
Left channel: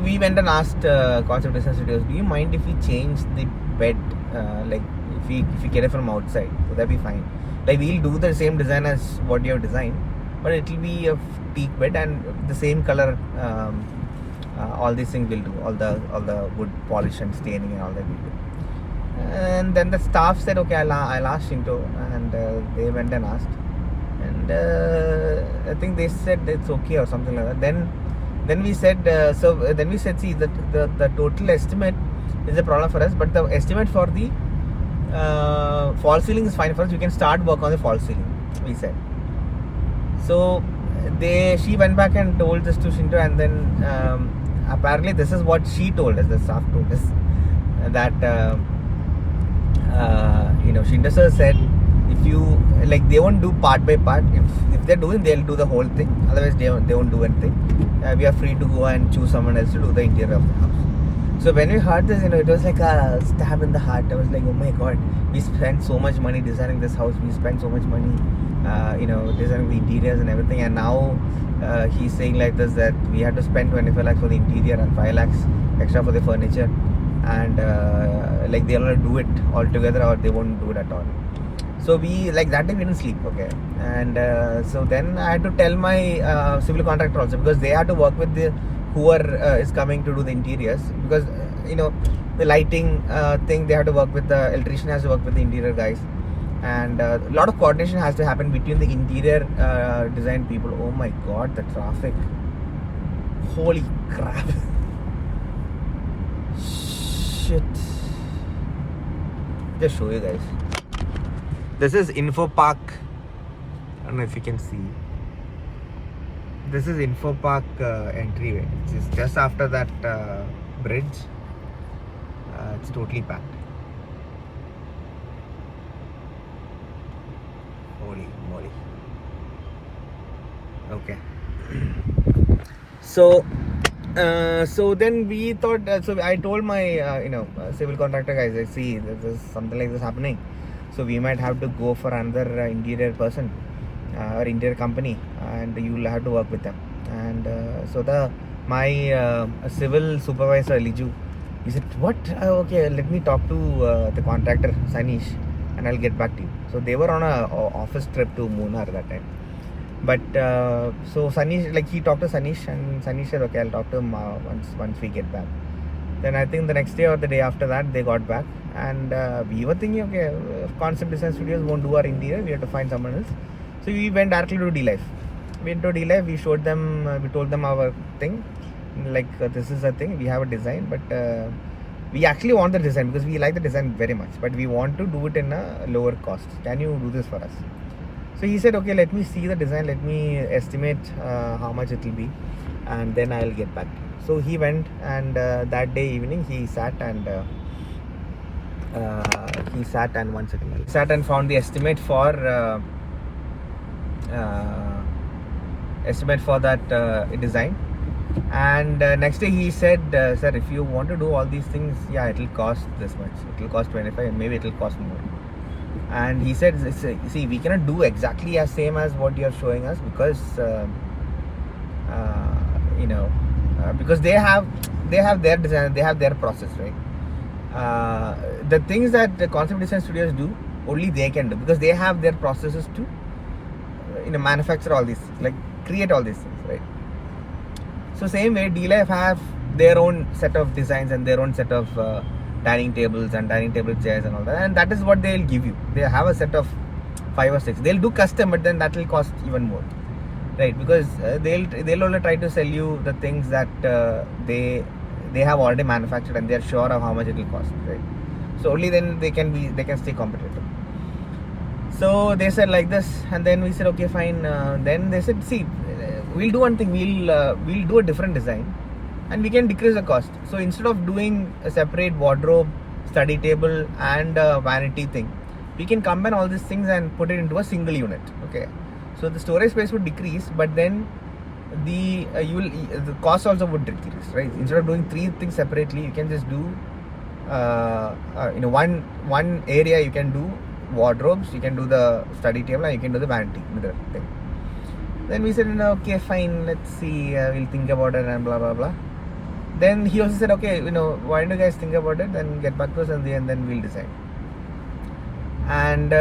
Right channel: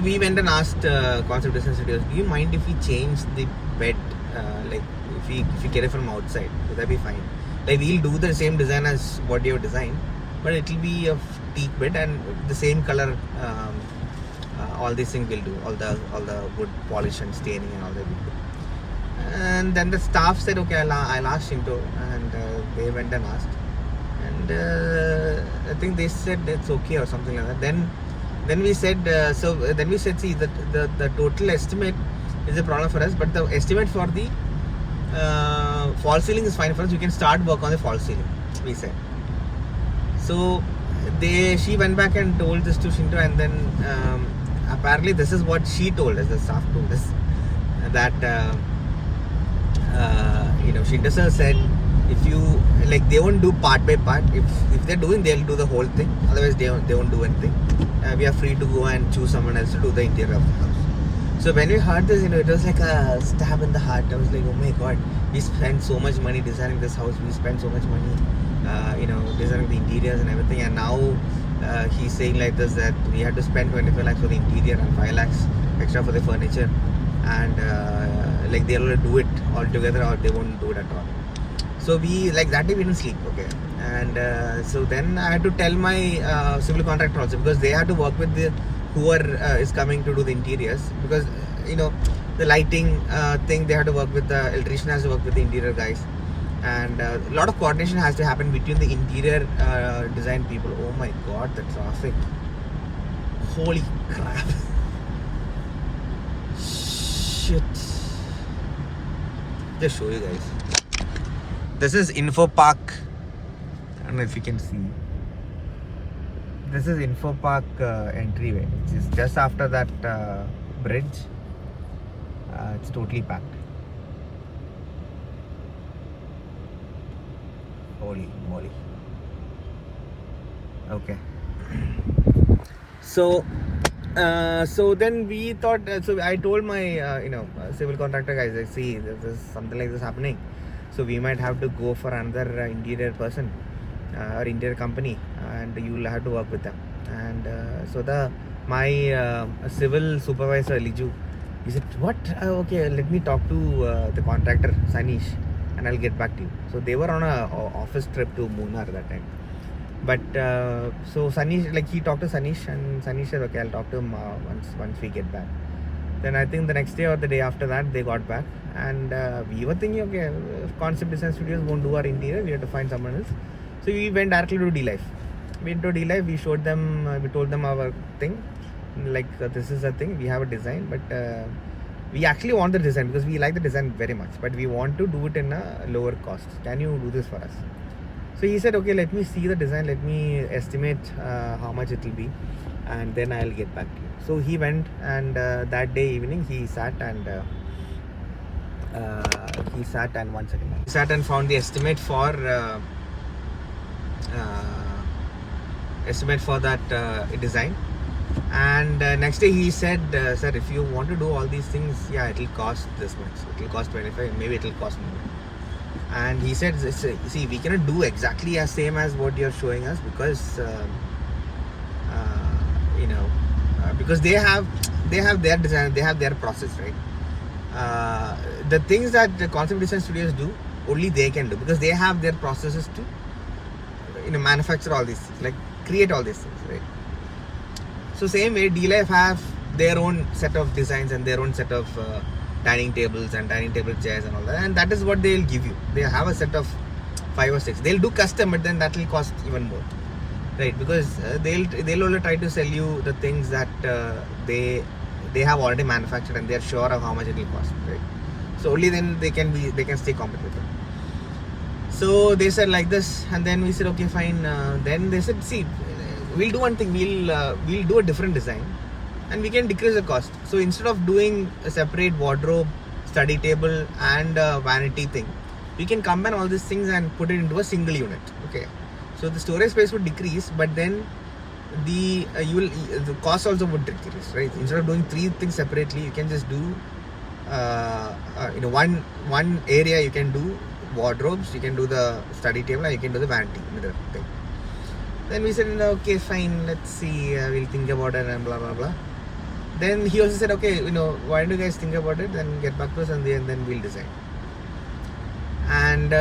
we went and asked Concept Design Studios, do you mind if we change the bed, like if we get it from outside? Would that be fine? Like, we'll do the same design as what you have designed, but it will be a teak bed and the same color. All these things will do, all the wood polish and staining and all that will do. And then the staff said, okay, I'll ask Shinto, and they went and asked, and I think they said it's okay or something like that. Then we said, see, the total estimate is a problem for us, but the estimate for the false ceiling is fine for us. You can start work on the false ceiling, we said. So she went back and told this to Shinto, and then apparently this is what she told us, the staff told us, that Shinto sir said, if you, like, they won't do part by part. If they're doing, they'll do the whole thing. Otherwise they won't do anything. We are free to go and choose someone else to do the interior of the house. So when we heard this, it was like a stab in the heart. I was like, oh my god, we spent so much money designing this house. We spent so much money designing the interiors and everything, and now he's saying like this, that we had to spend 25 lakhs for the interior and 5 lakhs extra for the furniture, and like they'll do it all together or they won't do it at all. So we, like, that day we didn't sleep, okay, and so then I had to tell my civil contractor also, because they had to work with whoever is coming to do the interiors, because the lighting thing, they had to work with the electrician, has to work with the interior guys, and a lot of coordination has to happen between the interior design people. Oh my god, the traffic, holy crap, shit. Just show you guys, this is Info Park. I don't know if you can see, this is Info Park entryway, which is just after that bridge. It's totally packed. Holy moly. Okay. So then we thought, so I told my civil contractor guys, I see there's something like this happening, so we might have to go for another interior person or interior company, and you'll have to work with them. And so my civil supervisor Liju, He said, what? Okay, let me talk to the contractor, Sanish, and I'll get back to you. So they were on a office trip to Munnar that time. But so Sanish, like he talked to Sanish, and Sanish said, okay, I'll talk to him once we get back. Then I think the next day or the day after that, they got back. And we were thinking, okay, if Concept Design Studios won't do our interior, we have to find someone else. So we went directly to D-Life. We went to D-Life, we showed them, we told them our thing. Like this is a thing, we have a design, but we actually want the design because we like the design very much, but we want to do it in a lower cost. Can you do this for us? So he said, okay, let me see the design, let me estimate how much it will be, and then I'll get back to you. So he went, and that day evening he sat and found the estimate for that design. And next day he said, sir, if you want to do all these things, yeah, it will cost this much. It will cost 25, maybe it will cost more. And he said, see, we cannot do exactly as same as what you're showing us because because they have their design, they have their process, right? The things that the concept design studios do, only they can do because they have their processes to manufacture all these, like create all these things, right? So same way, D-Life have their own set of designs and their own set of dining tables and dining table chairs and all that, and that is what they'll give you. They have a set of 5 or 6. They'll do custom, but then that will cost even more, right? Because they'll only try to sell you the things that they have already manufactured and they're sure of how much it will cost, right? So only then they can stay competitive. So they said like this, and then we said, okay, fine. Then they said, see, we'll do one thing. We'll do a different design, and we can decrease the cost. So instead of doing a separate wardrobe, study table, and vanity thing, we can combine all these things and put it into a single unit. Okay. So the storage space would decrease, but then the cost also would decrease, right? Instead of doing 3 things separately, you can just do one area. You can do wardrobes, you can do the study table, and you can do the vanity thing. Then we said, okay, fine, let's see, we'll think about it and blah blah blah. Then he also said, okay, why don't you guys think about it and get back to us, and then we'll decide. And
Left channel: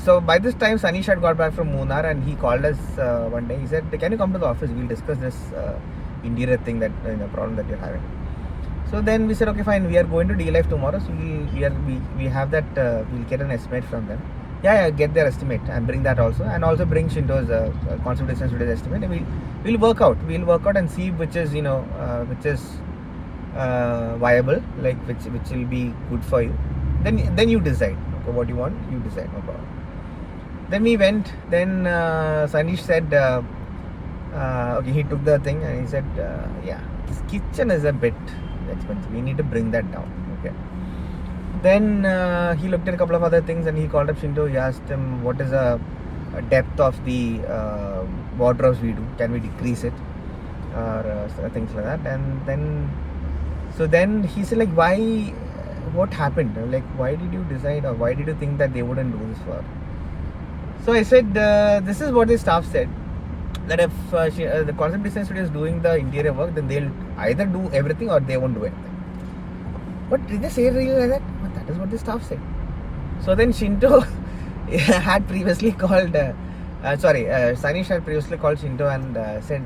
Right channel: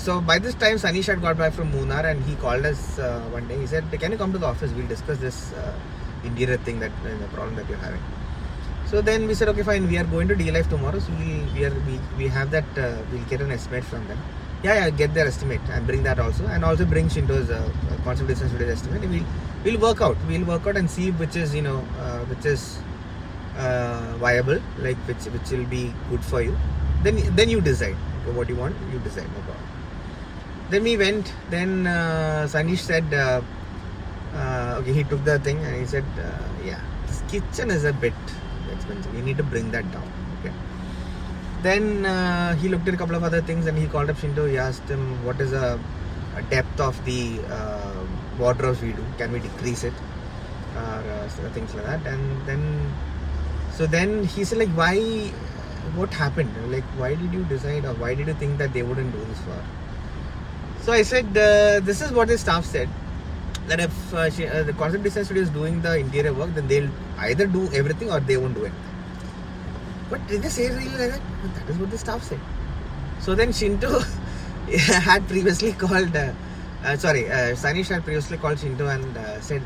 so by this time Sanish had got back from Munnar, and he called us one day. He said, can you come to the office, we'll discuss this interior thing, that problem that you're having. So then we said, okay, fine, we are going to D-Life tomorrow, so we have that, we'll get an estimate from them. Yeah, get their estimate and bring that also, and also bring Shinto's concept design studio's estimate, and we'll work out and see which is viable, like which will be good for you. Then you decide, okay, what you want, you decide, no problem. Then we went. Then Sanish said, okay, he took the thing and he said, yeah, this kitchen is a bit expensive, we need to bring that down. Okay. Then he looked at a couple of other things, and he called up Shinto. He asked him, what is the depth of the wardrobes we do, can we decrease it, or things like that. And then he said, like, what happened, like why did you decide, or why did you think that they wouldn't do this for? So I said, this is what the staff said, that if the concept design studio is doing the interior work, then they'll either do everything or they won't do anything. But did they say really like that? That is what the staff said. So then Shinto had previously called, Sanish had previously called Shinto and said,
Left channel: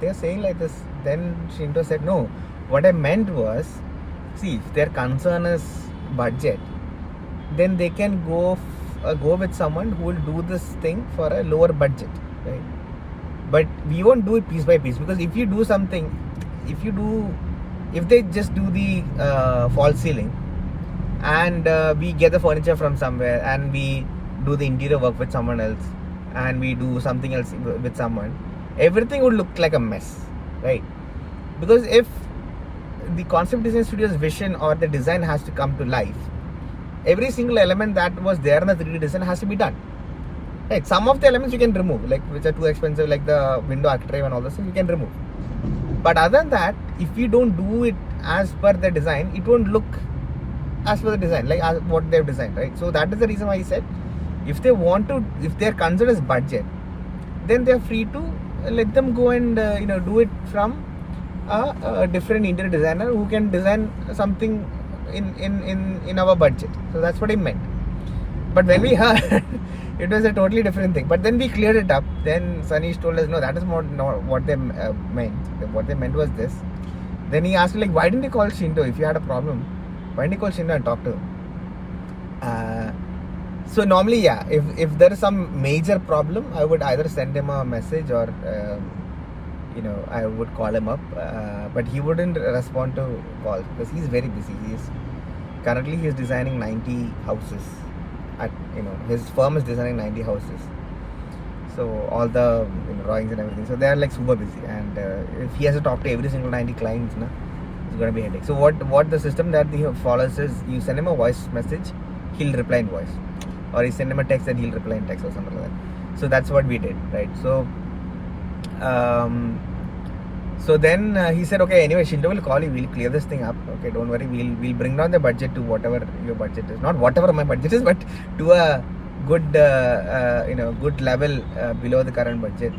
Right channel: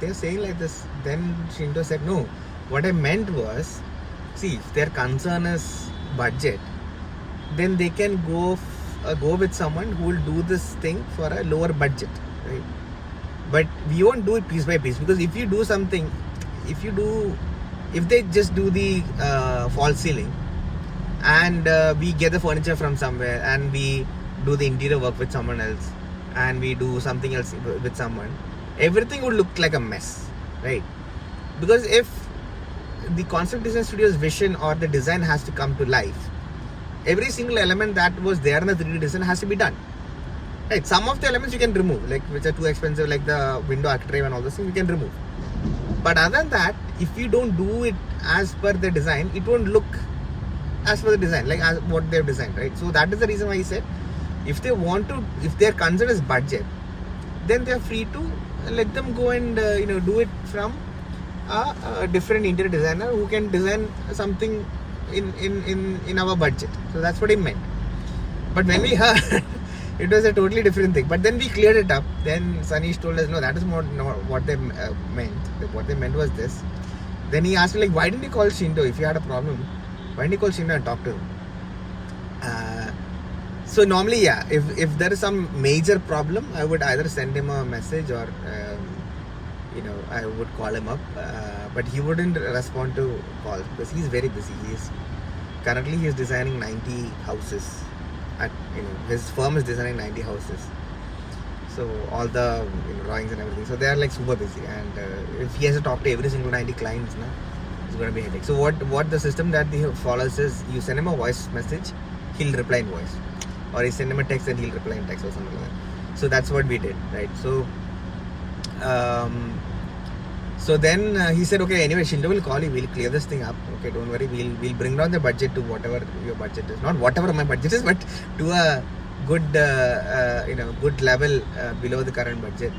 they're saying like this. Then Shinto said, no, what I meant was, see, if their concern is budget, then they can go with someone who will do this thing for a lower budget, right? But we won't do it piece by piece, because if they just do the false ceiling, and we get the furniture from somewhere, and we do the interior work with someone else, and we do something else with someone, everything would look like a mess, right? Because if the concept design studio's vision or the design has to come to life, every single element that was there in the 3D design has to be done, right? Some of the elements you can remove, like which are too expensive, like the window architrave and all those things, you can remove. But other than that, if you don't do it as per the design, it won't look as per the design, like as what they've designed, right? So that is the reason why he said, if their concern is budget, then they're free to let them go and do it from a different interior designer who can design something in our budget. So that's what he meant. But when we heard, it was a totally different thing. But then we cleared it up. Then Sanish told us, no, that is not what they meant. What they meant was this. Then he asked me, like, why didn't you call Shindo if you had a problem? Why didn't you call Shindo and talk to him? So normally, yeah, if there is some major problem, I would either send him a message or, I would call him up. But he wouldn't respond to calls because he's very busy. Currently he's designing 90 houses. His firm is designing 90 houses. So all the drawings and everything. So they're like super busy. And if he has to talk to every single 90 clients, it's going to be a headache. So what the system that he follows is you send him a voice message, he'll reply in voice. Or you send him a text and he'll reply in text or something like that. So that's what we did, right? So then he said, okay, anyway, Shindo will call you. We'll clear this thing up. Okay, don't worry. We'll bring down the budget to whatever your budget is. Not whatever my budget is, but to a good, good level below the current budget,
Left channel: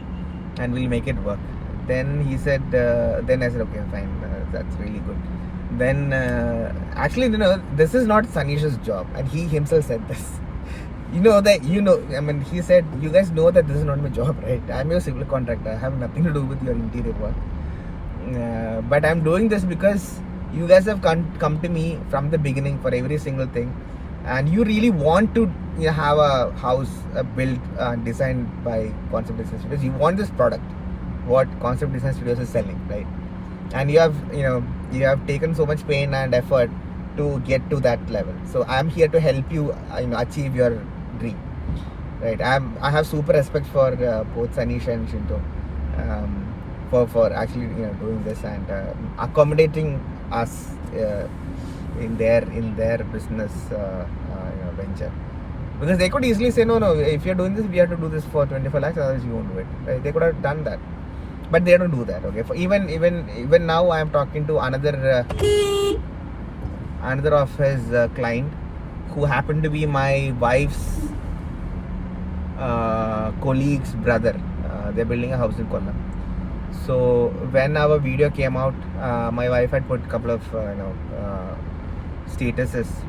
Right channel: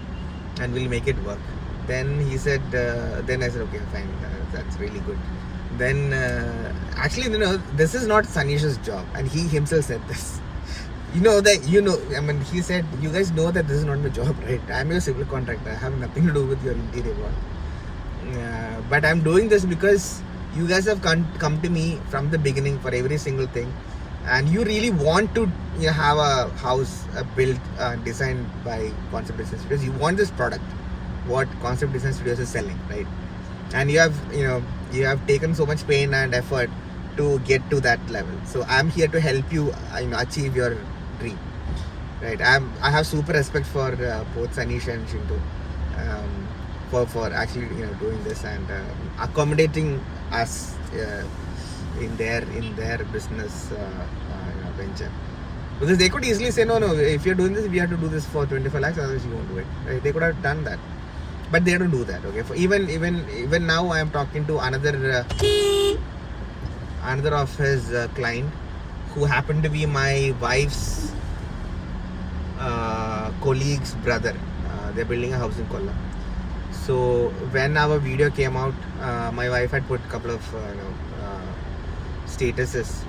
and we'll make it work. Then he said. Then I said, okay, fine. That's really good. Then actually, this is not Sanish's job, and he himself said this. He said, you guys know that this is not my job, right? I'm your civil contractor. I have nothing to do with your interior work. But I'm doing this because you guys have come to me from the beginning for every single thing, and you really want to have a house built, designed by Concept Design Studios. You want this product, what Concept Design Studios is selling, right? And you have taken so much pain and effort to get to that level. So I'm here to help you, achieve your dream, right? I have super respect for both Sanish and Shinto. For actually doing this and accommodating us in their business venture, because they could easily say no, if you're doing this we have to do this for 25 lakhs, otherwise you won't do it, right? They could have done that, but they don't do that. Okay, for even now I am talking to another of his client who happened to be my wife's colleague's brother. They're building a house in Kollam. So when our video came out, my wife had put a couple of statuses,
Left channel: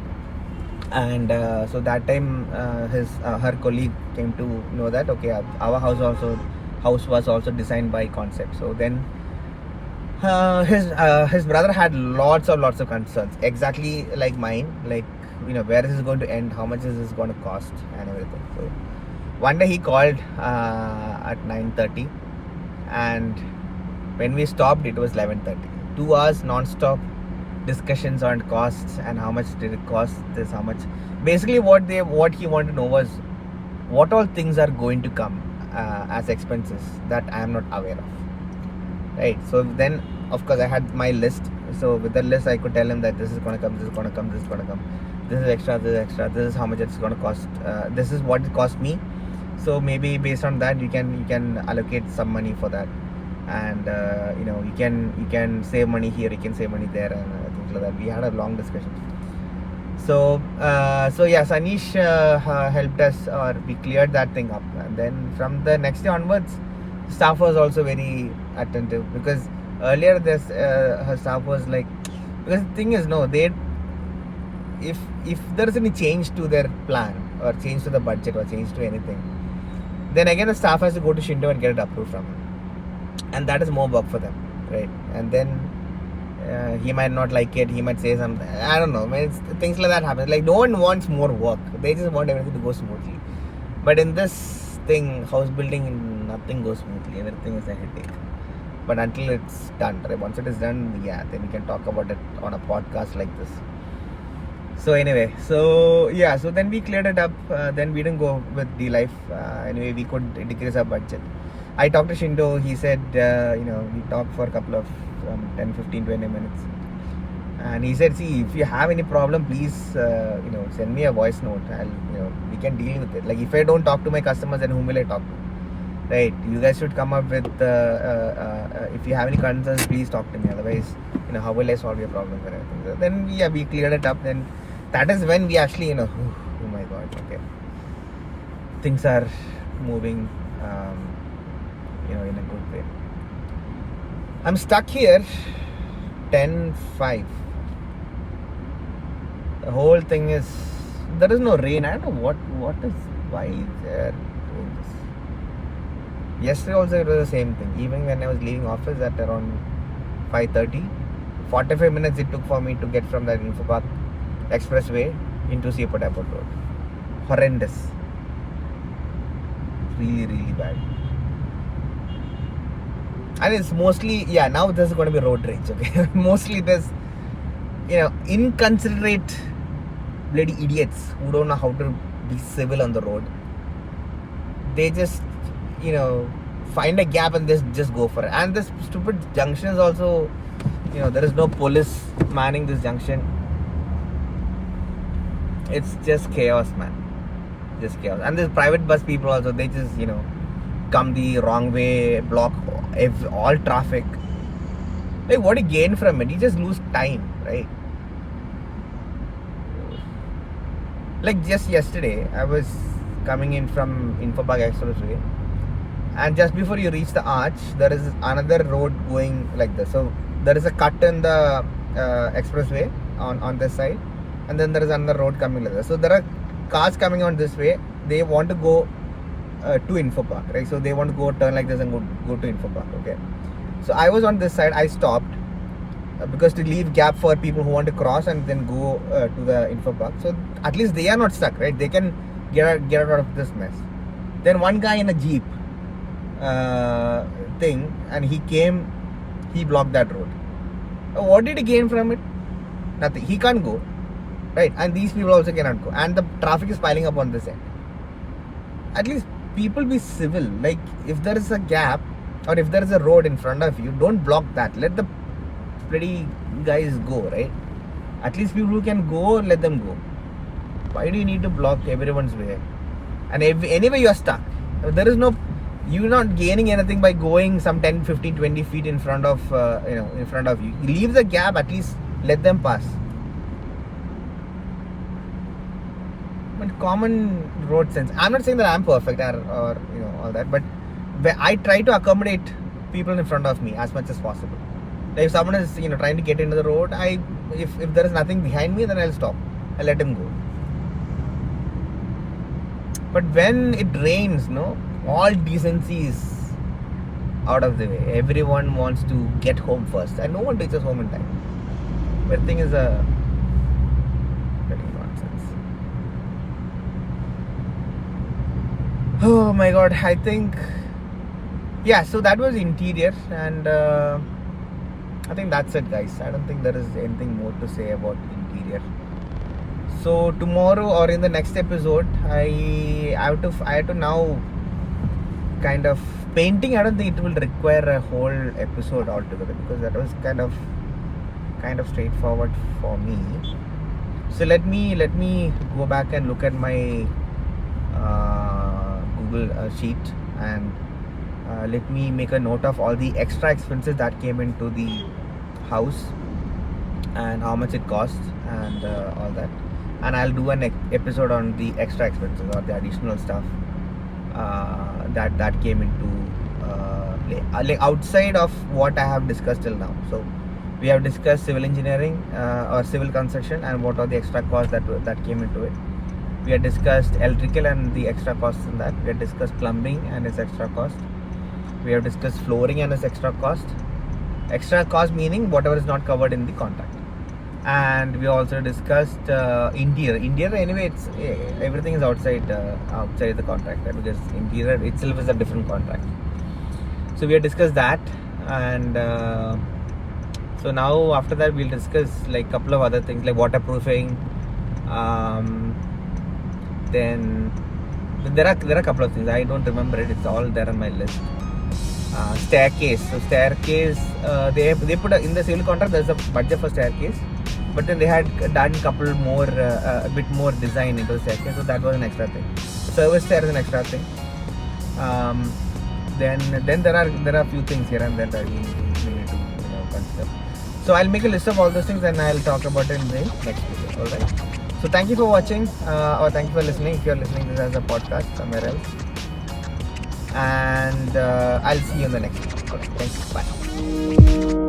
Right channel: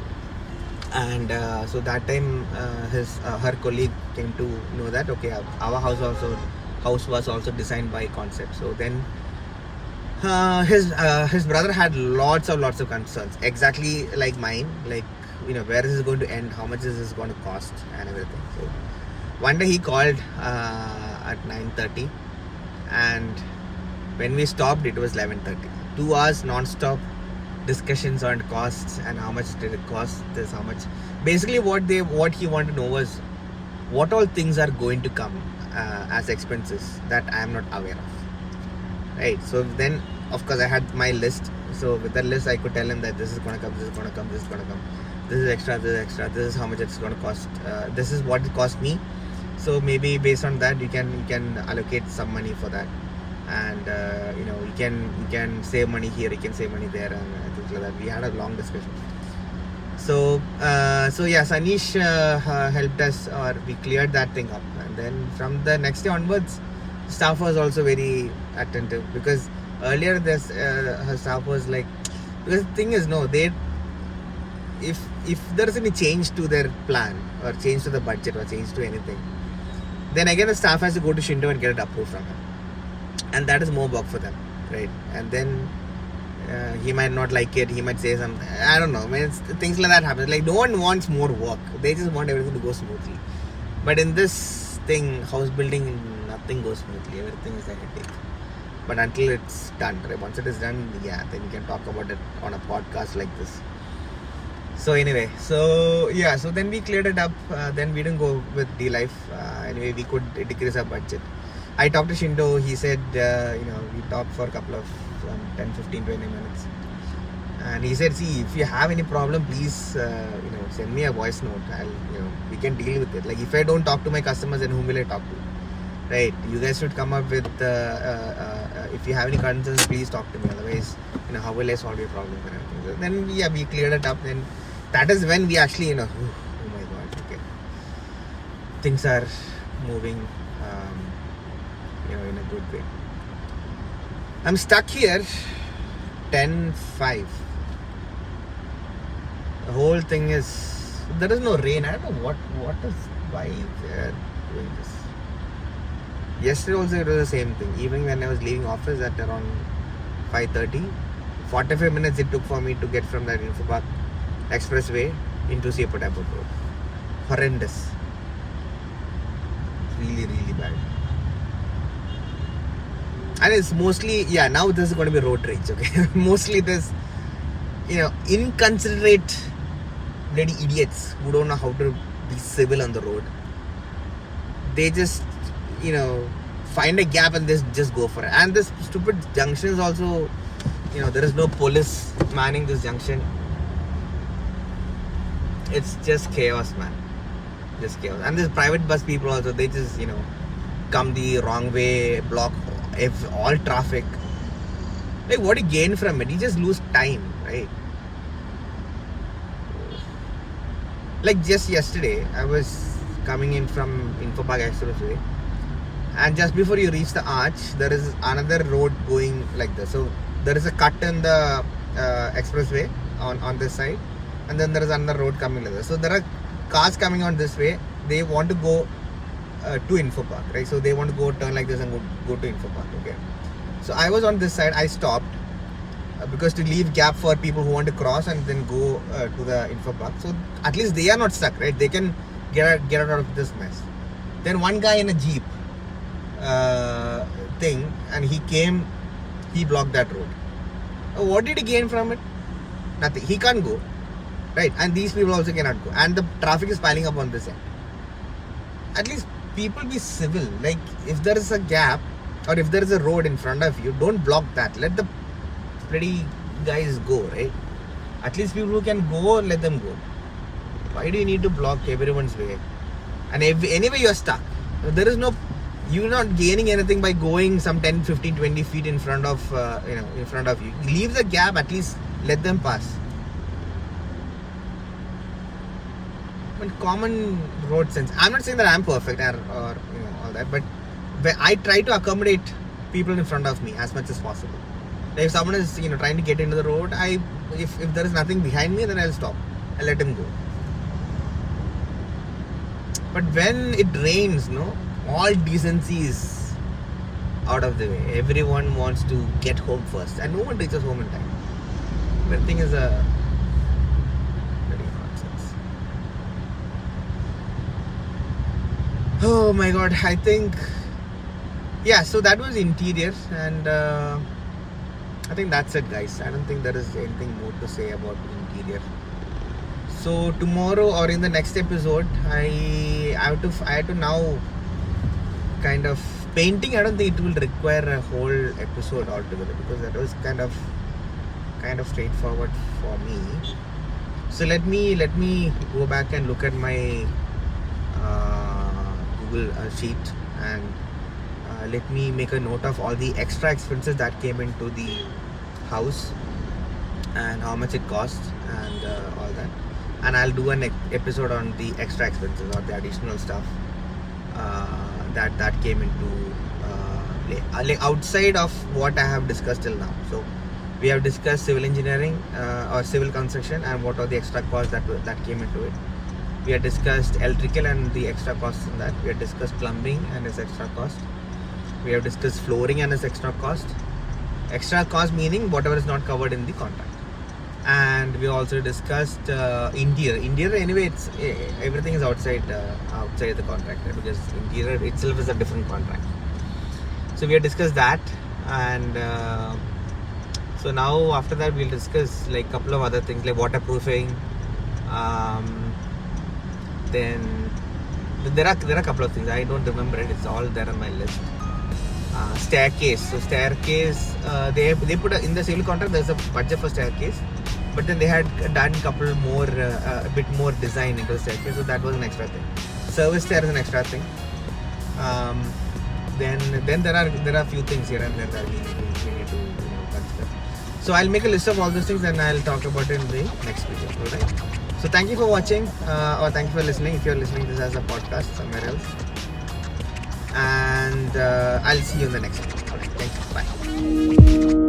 and so that time her colleague came to know that okay, our house was also designed by Concept. So then his brother had lots of concerns, exactly like mine, like where is this going to end, how much is this going to cost, and everything. So one day he called at 9:30, and when we stopped it was 11:30. 2 hours non-stop discussions on costs and how much did it cost, this, how much. Basically what he wanted to know was what all things are going to come as expenses that I am not aware of, right? So then of course I had my list. So with that list I could tell him that this is going to come, this is going to come, this is going to come, this is extra, this is how much it's going to cost, this is what it cost me. So maybe based on that you can allocate some money for that, and you can save money here, you can save money there, and things like that. We had a long discussion. So yeah, Sanish helped us, or we cleared that thing up, and then from the next day onwards, staff was also very attentive, because earlier her staff was like, because the thing is, if there is any change to their plan or change to the budget or change to anything, then again the staff has to go to Shinto and get it approved from him, and that is more work for them, right? And then he might not like it, he might say something, I don't know. Things like that happen. Like, no one wants more work, they just want everything to go smoothly. But in this thing, house building, nothing goes smoothly, everything is a headache. But until it's done, right? Once it is done, yeah, then you can talk about it on a podcast like this. So anyway, so then we cleared it up. Then we didn't go with D-Life. Anyway, we could decrease our budget. I talked to Shindo. He said, we talked for a couple of 10, 15, 20 minutes. And he said, see, if you have any problem, please, send me a voice note. We can deal with it. Like, if I don't talk to my customers, then whom will I talk to? Right? You guys should come up with, if you have any concerns, please talk to me. Otherwise, how will I solve your problem? So then, yeah, we cleared it up. Then that is when we actually, oh my God, okay. Things are moving, in a good way. I'm stuck here 10:05. The whole thing is, there is no rain. I don't know what is, why they are doing this. Yesterday also it was the same thing. Even when I was leaving office at around 5:30, 45 minutes it took for me to get from that Info Park Expressway into Seaport Airport Road. Horrendous. Really, really bad. And it's mostly, now this is going to be road rage, okay? Mostly this, inconsiderate bloody idiots who don't know how to be civil on the road. They just, find a gap and just go for it. And this stupid junctions also, there is no police manning this junction. It's just chaos, man. Just chaos. And there's private bus people also, they just, come the wrong way, block all traffic. Like, what do you gain from it? You just lose time, right? Like just yesterday, I was coming in from Info Park Expressway, and just before you reach the arch, there is another road going like this. So there is a cut in the expressway on this side, and then there is another road coming like this. So there are cars coming on this way. They want to go to Info Park, right? So they want to go turn like this and go to Info Park, okay? So I was on this side. I stopped because to leave gap for people who want to cross and then go to the Info Park. So at least they are not stuck, right? They can get out of this mess. Then one guy in a jeep thing, and he blocked that road. What did he gain from it? Nothing. He can't go, right? And these people also cannot go, and the traffic is piling up on this end. At least people be civil. Like, if there is a gap or if there is a road in front of you, don't block that. Let the bloody guys go, right? At least people who can go, let them go. Why do you need to block everyone's way? And anyway you are stuck. There is no, you're not gaining anything by going some 10, 15, 20 feet in front of in front of you. Leave the gap, at least let them pass. But common road sense. I'm not saying that I'm perfect or all that, but I try to accommodate people in front of me as much as possible. If someone is trying to get into the road, if there is nothing behind me, then I'll stop. I'll let him go. But when it rains, all decency is out of the way. Everyone wants to get home first, and no one reaches home in time. But the thing is very nonsense. Oh my god, I think, so that was interior, and I think that's it, guys. I don't think there is anything more to say about interior. So tomorrow or in the next episode, I have to now kind of painting. I don't think it will require a whole episode altogether, because that was kind of straightforward for me. So let me go back and look at my Google sheet, and let me make a note of all the extra expenses that came into the house and how much it cost and all that. And I'll do an episode on the extra expenses or the additional stuff that came into play, like outside of what I have discussed till now. So we have discussed civil engineering or civil construction and what are the extra costs that came into it. We have discussed electrical and the extra costs in that. We have discussed plumbing and its extra cost. We have discussed flooring and its extra cost. Extra cost meaning whatever is not covered in the contract. And we also discussed interior. Interior, anyway, it's everything is outside the contract, right? Because interior itself is a different contract. So we have discussed that, and so now after that we'll discuss like a couple of other things like waterproofing. Then there are a couple of things I don't remember it. It's all there on my list. Staircase. So staircase, they put in the civil contract. There's a budget for staircase. But then they had done a bit more design into the staircase, so that was an extra thing. Service stair is an extra thing. Then there are a few things here and there that we need to consider. So I'll make a list of all those things and I'll talk about it in the next video. All right. So thank you for watching or thank you for listening. If you're listening to this as a podcast somewhere else, and I'll see you in the next one. All right. Thanks. Bye. bye.